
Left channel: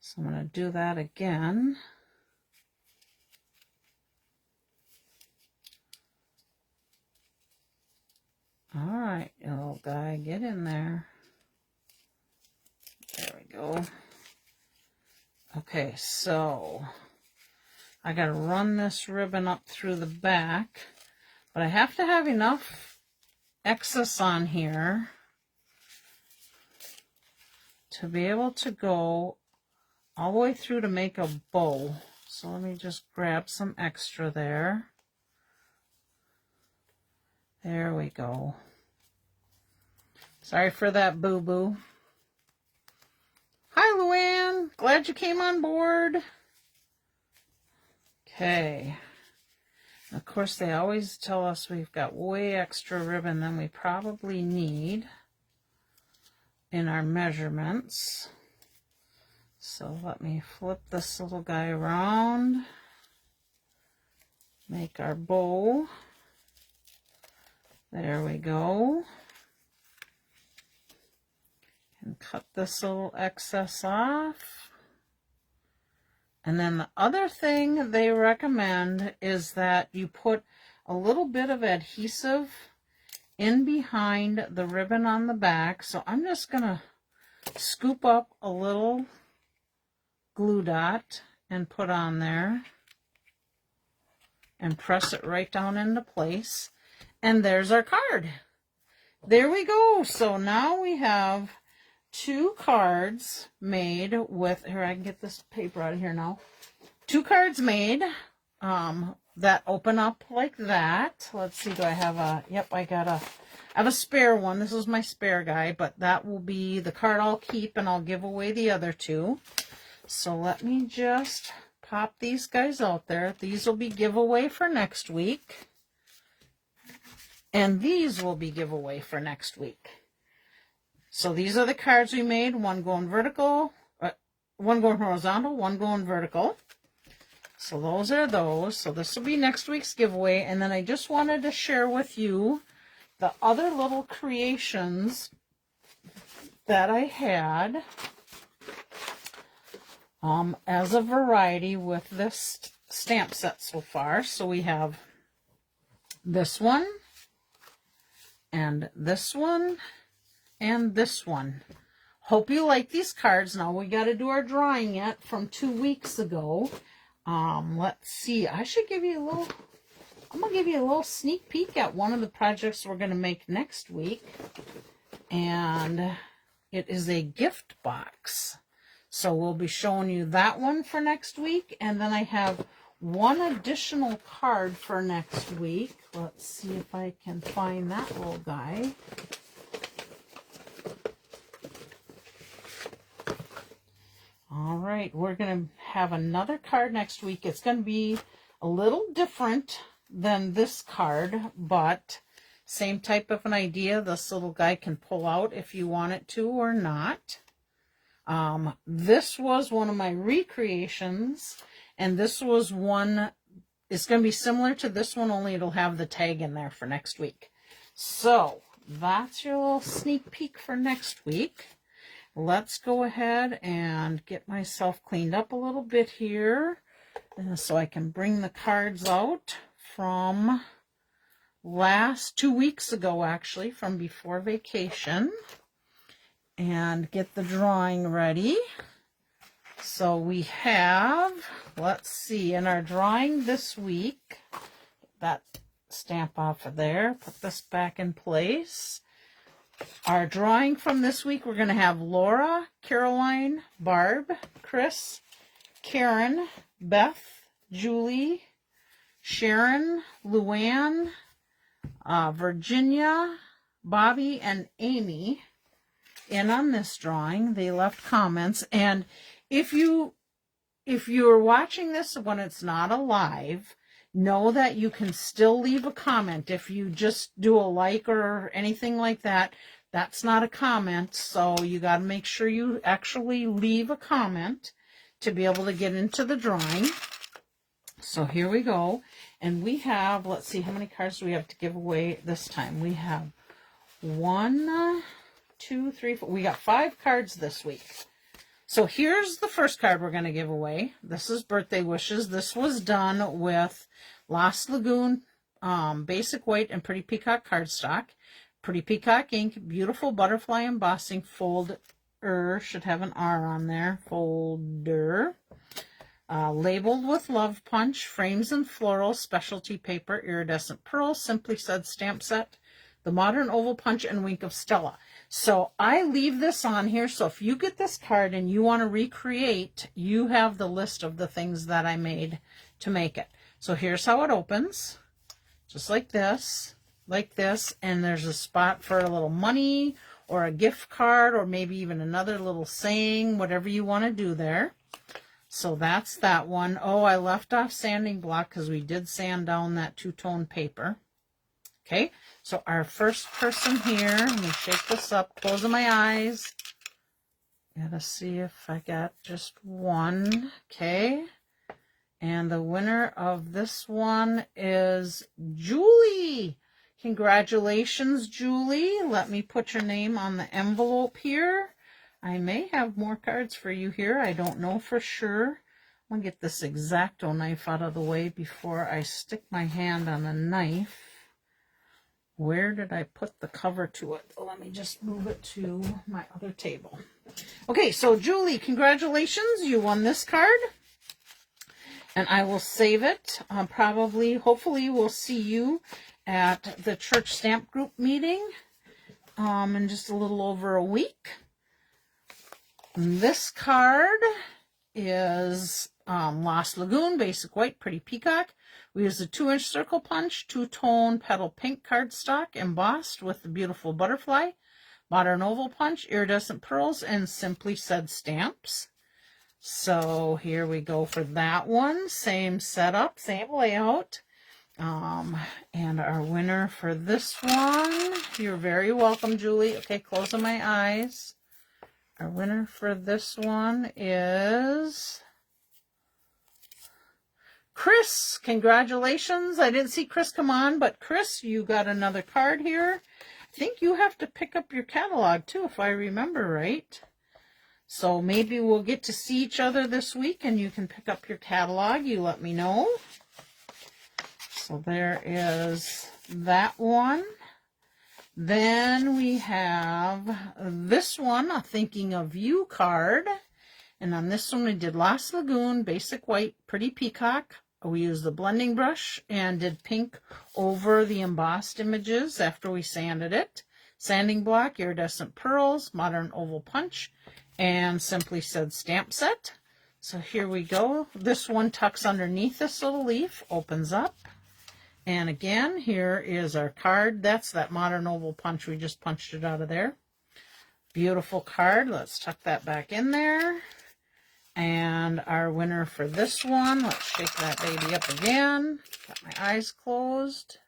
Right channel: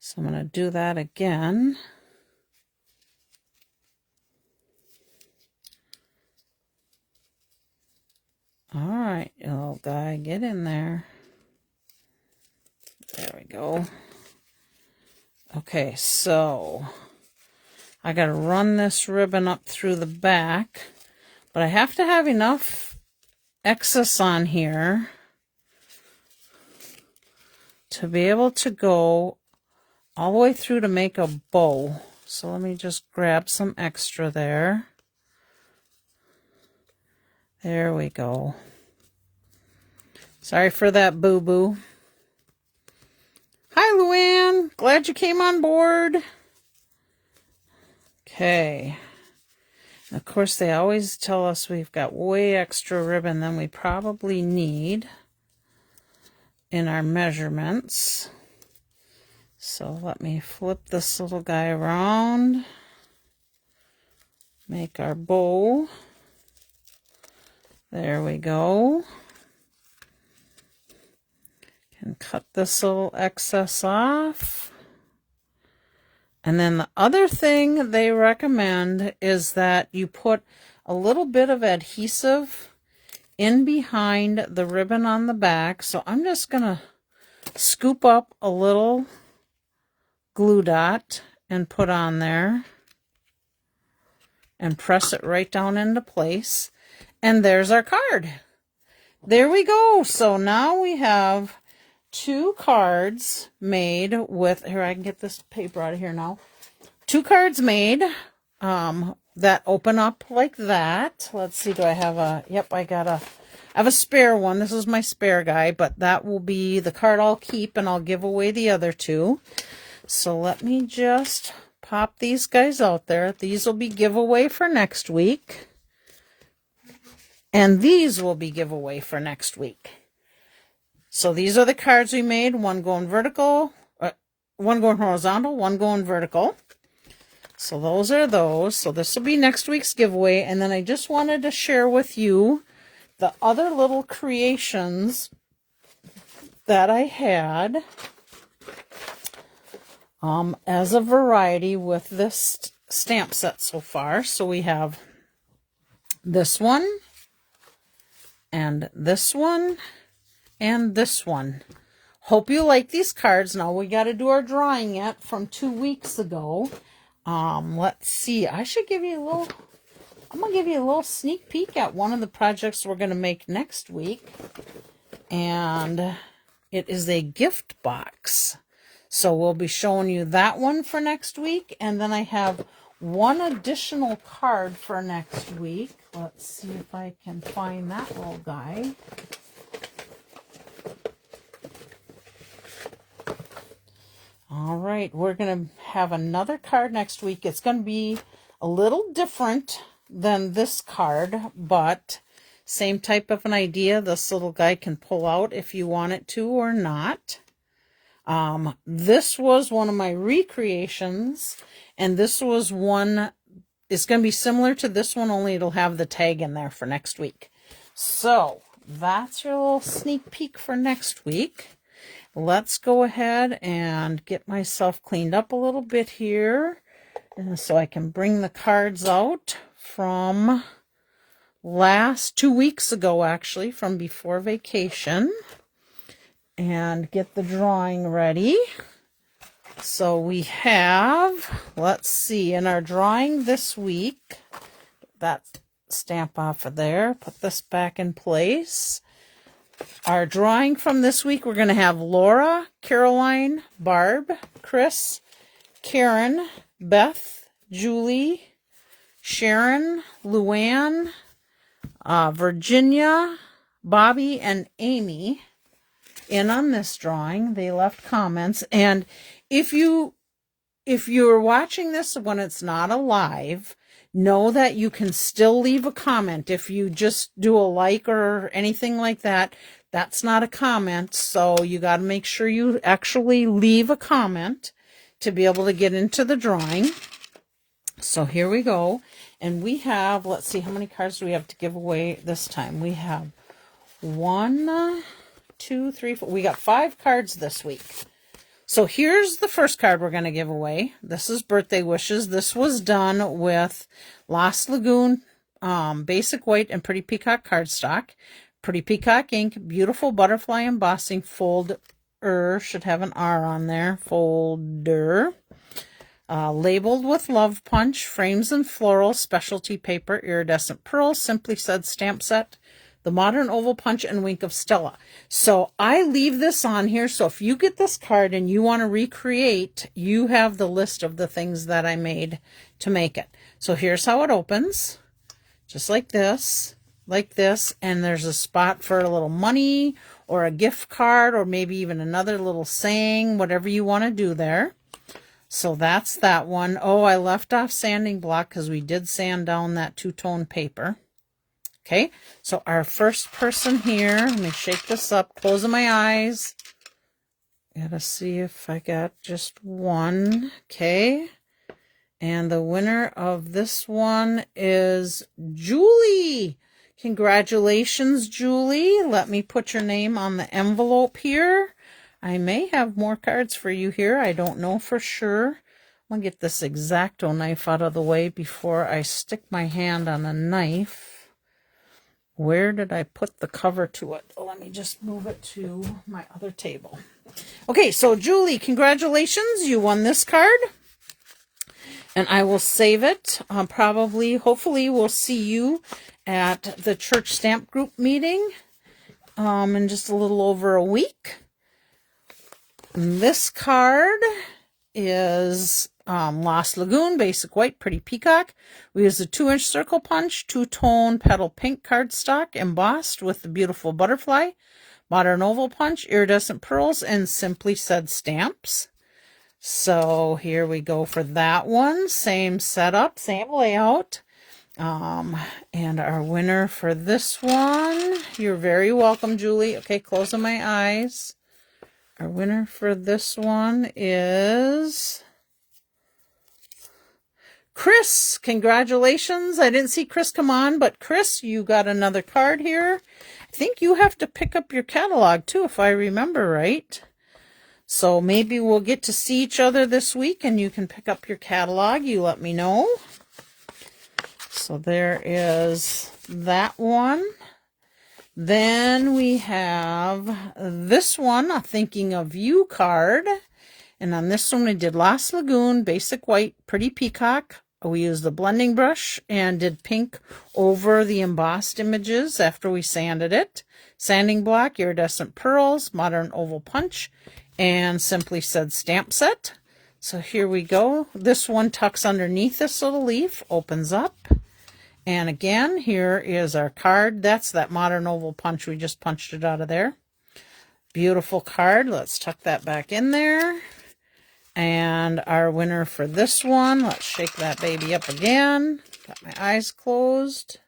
So I'm going to do that again. All right, you little guy, get in there. There we go. Okay, so I got to run this ribbon up through the back, but I have to have enough excess on here to be able to go all the way through to make a bow. So let me just grab some extra there. There we go. Sorry for that, boo-boo. Hi, Luann. Glad you came on board. Okay. Of course, they always tell us we've got way extra ribbon than we probably need in our measurements. So let me flip this little guy around, make our bow. There we go. And cut this little excess off. And then the other thing they recommend is that you put a little bit of adhesive in behind the ribbon on the back. So I'm just going to scoop up a little glue dot and put on there and press it right down into place. And there's our card. There we go. So now we have 2 cards made with, here, I can get this paper out of here now. 2 cards made that open up like that. Let's see, do I have a, yep, I have a spare one. This is my spare guy, but that will be the card I'll keep, and I'll give away the other 2. So let me just pop these guys out there. These will be giveaway for next week. And these will be giveaway for next week. So these are the cards we made. One going vertical, one going horizontal, one going vertical. So those are those. So this will be next week's giveaway. And then I just wanted to share with you the other little creations that I had as a variety with this stamp set so far. So we have this one, and this one, and this one. Hope you like these cards. Now we got to do our drawing yet from 2 weeks ago. Let's see. I should give you a little, I'm going to give you a little sneak peek at one of the projects we're going to make next week. And it is a gift box. So we'll be showing you that one for next week. And then I have one additional card for next week. Let's see if I can find that little guy. All right, we're going to have another card next week. It's going to be a little different than this card, but same type of an idea. This little guy can pull out if you want it to or not. This was one of my recreations, and this was one, it's going to be similar to this one, only it'll have the tag in there for next week. So that's your little sneak peek for next week. Let's go ahead and get myself cleaned up a little bit here, and so I can bring the cards out from 2 weeks ago, actually, from before vacation, and get the drawing ready. So we have, let's see, in our drawing this week, that stamp off of there, put this back in place. Our drawing from this week, we're going to have Laura, Caroline, Barb, Chris, Karen, Beth, Julie, Sharon, Luann, Virginia, Bobby, and Amy in on this drawing. They left comments. And if you are watching this when it's not a live, know that you can still leave a comment. If you just do a like or anything like that, that's not a comment. So you got to make sure you actually leave a comment to be able to get into the drawing. So here we go. And we have, let's see, how many cards do we have to give away this time? We have 1, 2, 3, 4. We got 5 cards this week. So here's the first card we're going to give away. This is Birthday Wishes. This was done with Lost Lagoon, Basic White, and Pretty Peacock cardstock. Pretty Peacock ink, beautiful butterfly embossing, folder, should have an R on there, folder. Labeled with Love Punch, frames and floral, specialty paper, iridescent pearl, Simply Said stamp set, the Modern Oval Punch, and Wink of Stella. So I leave this on here, so if you get this card and you want to recreate, you have the list of the things that I made to make it. So here's how it opens, just like this, and there's a spot for a little money or a gift card or maybe even another little saying, whatever you want to do there. So that's that one. Oh, I left off sanding block because we did sand down that two-tone paper. Okay, so our first person here, let me shake this up, closing my eyes. Gotta see if I got just one. Okay, and the winner of this one is Julie. Congratulations, Julie. Let me put your name on the envelope here. I may have more cards for you here. I don't know for sure. I'm going to get this X-Acto knife out of the way before I stick my hand on a knife. Where did I put the cover to it? Oh, let me just move it to my other table. Okay, so Julie, congratulations. You won this card. And I will save it. Hopefully, we'll see you at the church stamp group meeting in just a little over a week. And this card is Lost Lagoon, Basic White, Pretty Peacock. We use a 2-inch circle punch, two-tone petal pink cardstock embossed with the beautiful butterfly, modern oval punch, iridescent pearls, and Simply Said stamps. So here we go for that one. Same setup, same layout. And our winner for this one, you're very welcome, Julie. Okay, closing my eyes. Our winner for this one is Chris. Congratulations. I didn't see Chris come on, but Chris, you got another card here. I think you have to pick up your catalog too, if I remember right. So maybe we'll get to see each other this week and you can pick up your catalog. You let me know. So there is that one. Then we have this one, a Thinking of You card. And on this one we did Lost Lagoon, Basic White, Pretty Peacock. We used the blending brush and did pink over the embossed images after we sanded it. Sanding block, iridescent pearls, modern oval punch, and Simply Said stamp set. So here we go. This one tucks underneath this little leaf, opens up. And again, here is our card. That's that modern oval punch. We just punched it out of there. Beautiful card. Let's tuck that back in there. And our winner for this one, let's shake that baby up again. Got my eyes closed.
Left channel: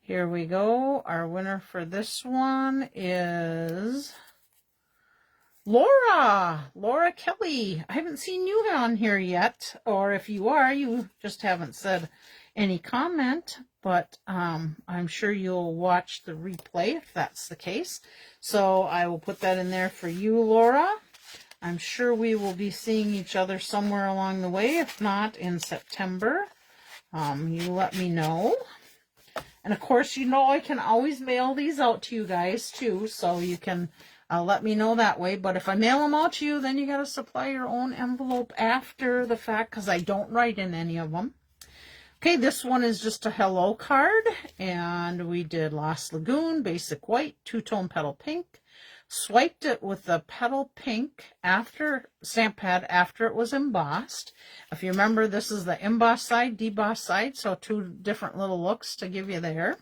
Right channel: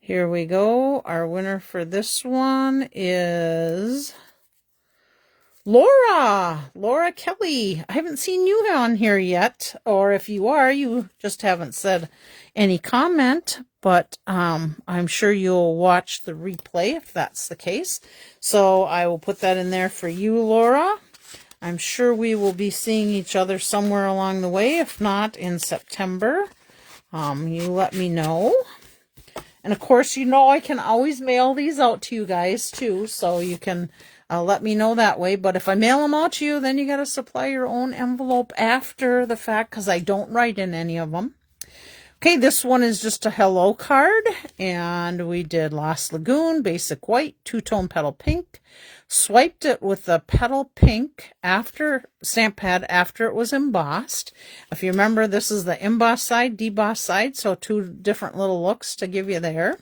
Here we go. Our winner for this one is Laura Kelly. I haven't seen you on here yet, or if you are, you just haven't said any comment, but I'm sure you'll watch the replay if that's the case. So I will put that in there for you, Laura. I'm sure we will be seeing each other somewhere along the way, if not in September. You let me know. And of course, you know I can always mail these out to you guys too, so you can let me know that way. But if I mail them out to you, then you got to supply your own envelope after the fact because I don't write in any of them. Okay, this one is just a hello card, and we did Lost Lagoon, Basic White, two-tone petal pink. Swiped it with the petal pink after stamp pad after it was embossed. If you remember, this is the embossed side, debossed side, so two different little looks to give you there.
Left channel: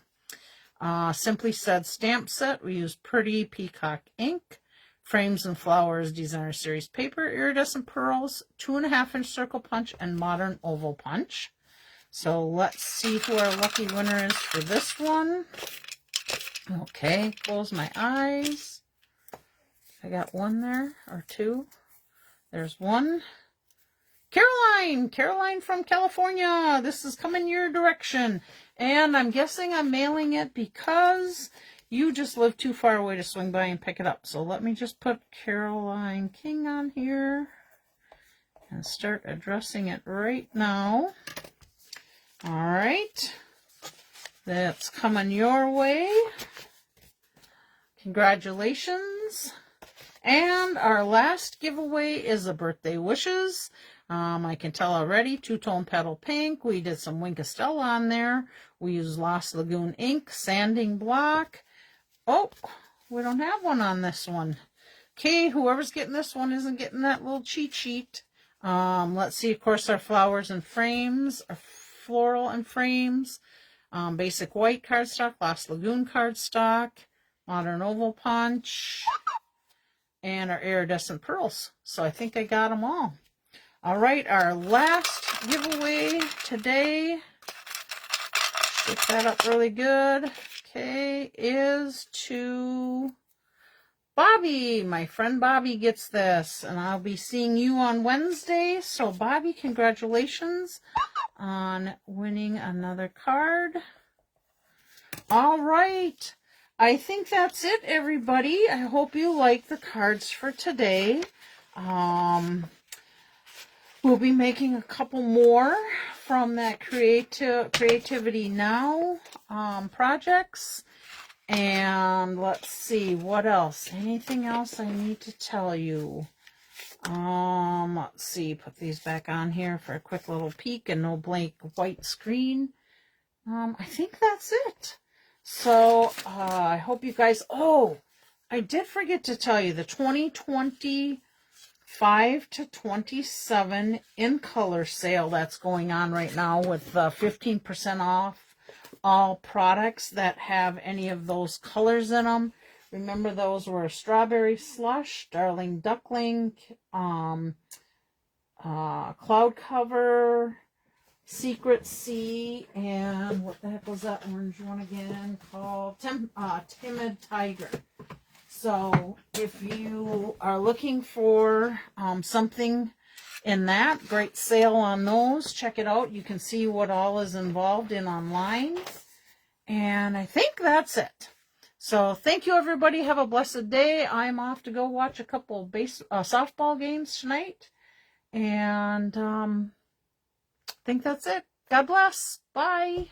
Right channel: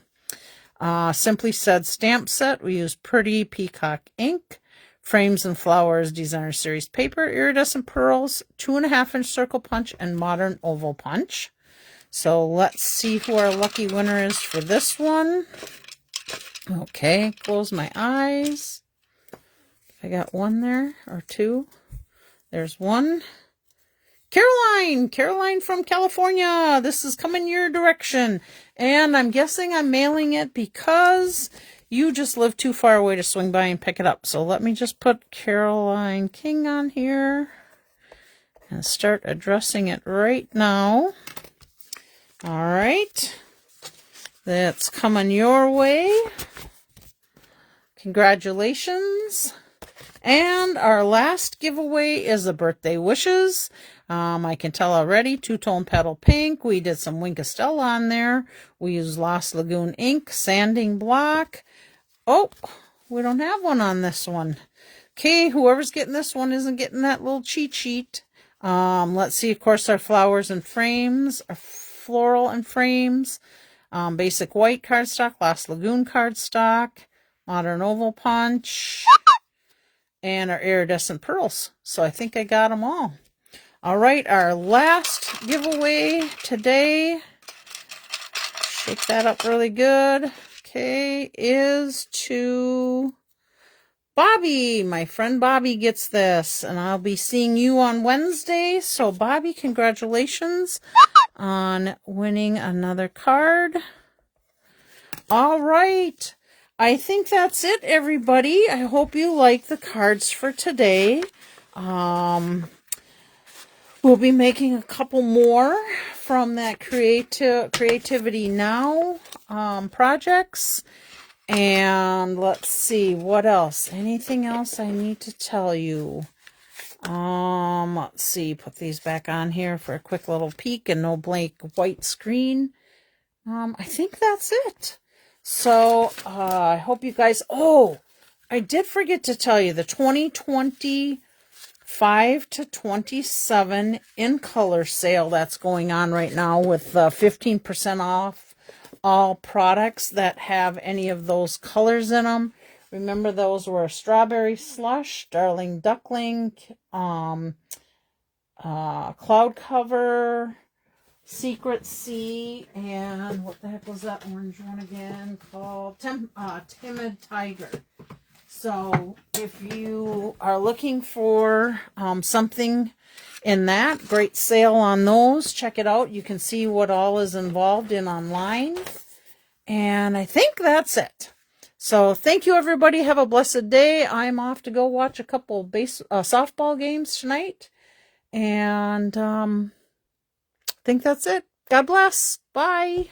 Simply Said stamp set. We use Pretty Peacock ink, frames and flowers, designer series paper, iridescent pearls, 2.5-inch circle punch, and modern oval punch. So let's see who our lucky winner is for this one. Okay, close my eyes. I got one there, or two. There's one. Caroline from California. This is coming your direction. And I'm guessing I'm mailing it because you just live too far away to swing by and pick it up. So let me just put Caroline King on here and start addressing it right now. All right. That's coming your way. Congratulations. And our last giveaway is the birthday wishes. I can tell already, two-tone petal pink. We did some Wink Estelle on there. We used Lost Lagoon ink, sanding block. Oh, we don't have one on this one. Okay, whoever's getting this one isn't getting that little cheat sheet. Let's see, of course, our flowers and frames, our floral and frames, Basic White cardstock, Lost Lagoon cardstock, modern oval punch, and our iridescent pearls. So I think I got them all. All right, our last giveaway today, shake that up really good, okay, is to Bobby. My friend Bobby gets this, and I'll be seeing you on Wednesday. So Bobby, congratulations on winning another card. All right, I think that's it, everybody. I hope you like the cards for today. We'll be making a couple more from that Creativity Now projects. And let's see, what else? Anything else I need to tell you? Let's see, put these back on here for a quick little peek and no blank white screen. I think that's it. So, I hope you guys, oh, I did forget to tell you the 2025 to 27 in color sale that's going on right now with 15% off all products that have any of those colors in them. Remember, those were Strawberry Slush, Darling Duckling, Cloud Cover, Secret Sea, and what the heck was that orange one again called? Timid Tiger. So if you are looking for something in that, great sale on those. Check it out. You can see what all is involved in online. And I think that's it. So thank you, everybody. Have a blessed day. I'm off to go watch a couple softball games tonight. And I think that's it. God bless. Bye.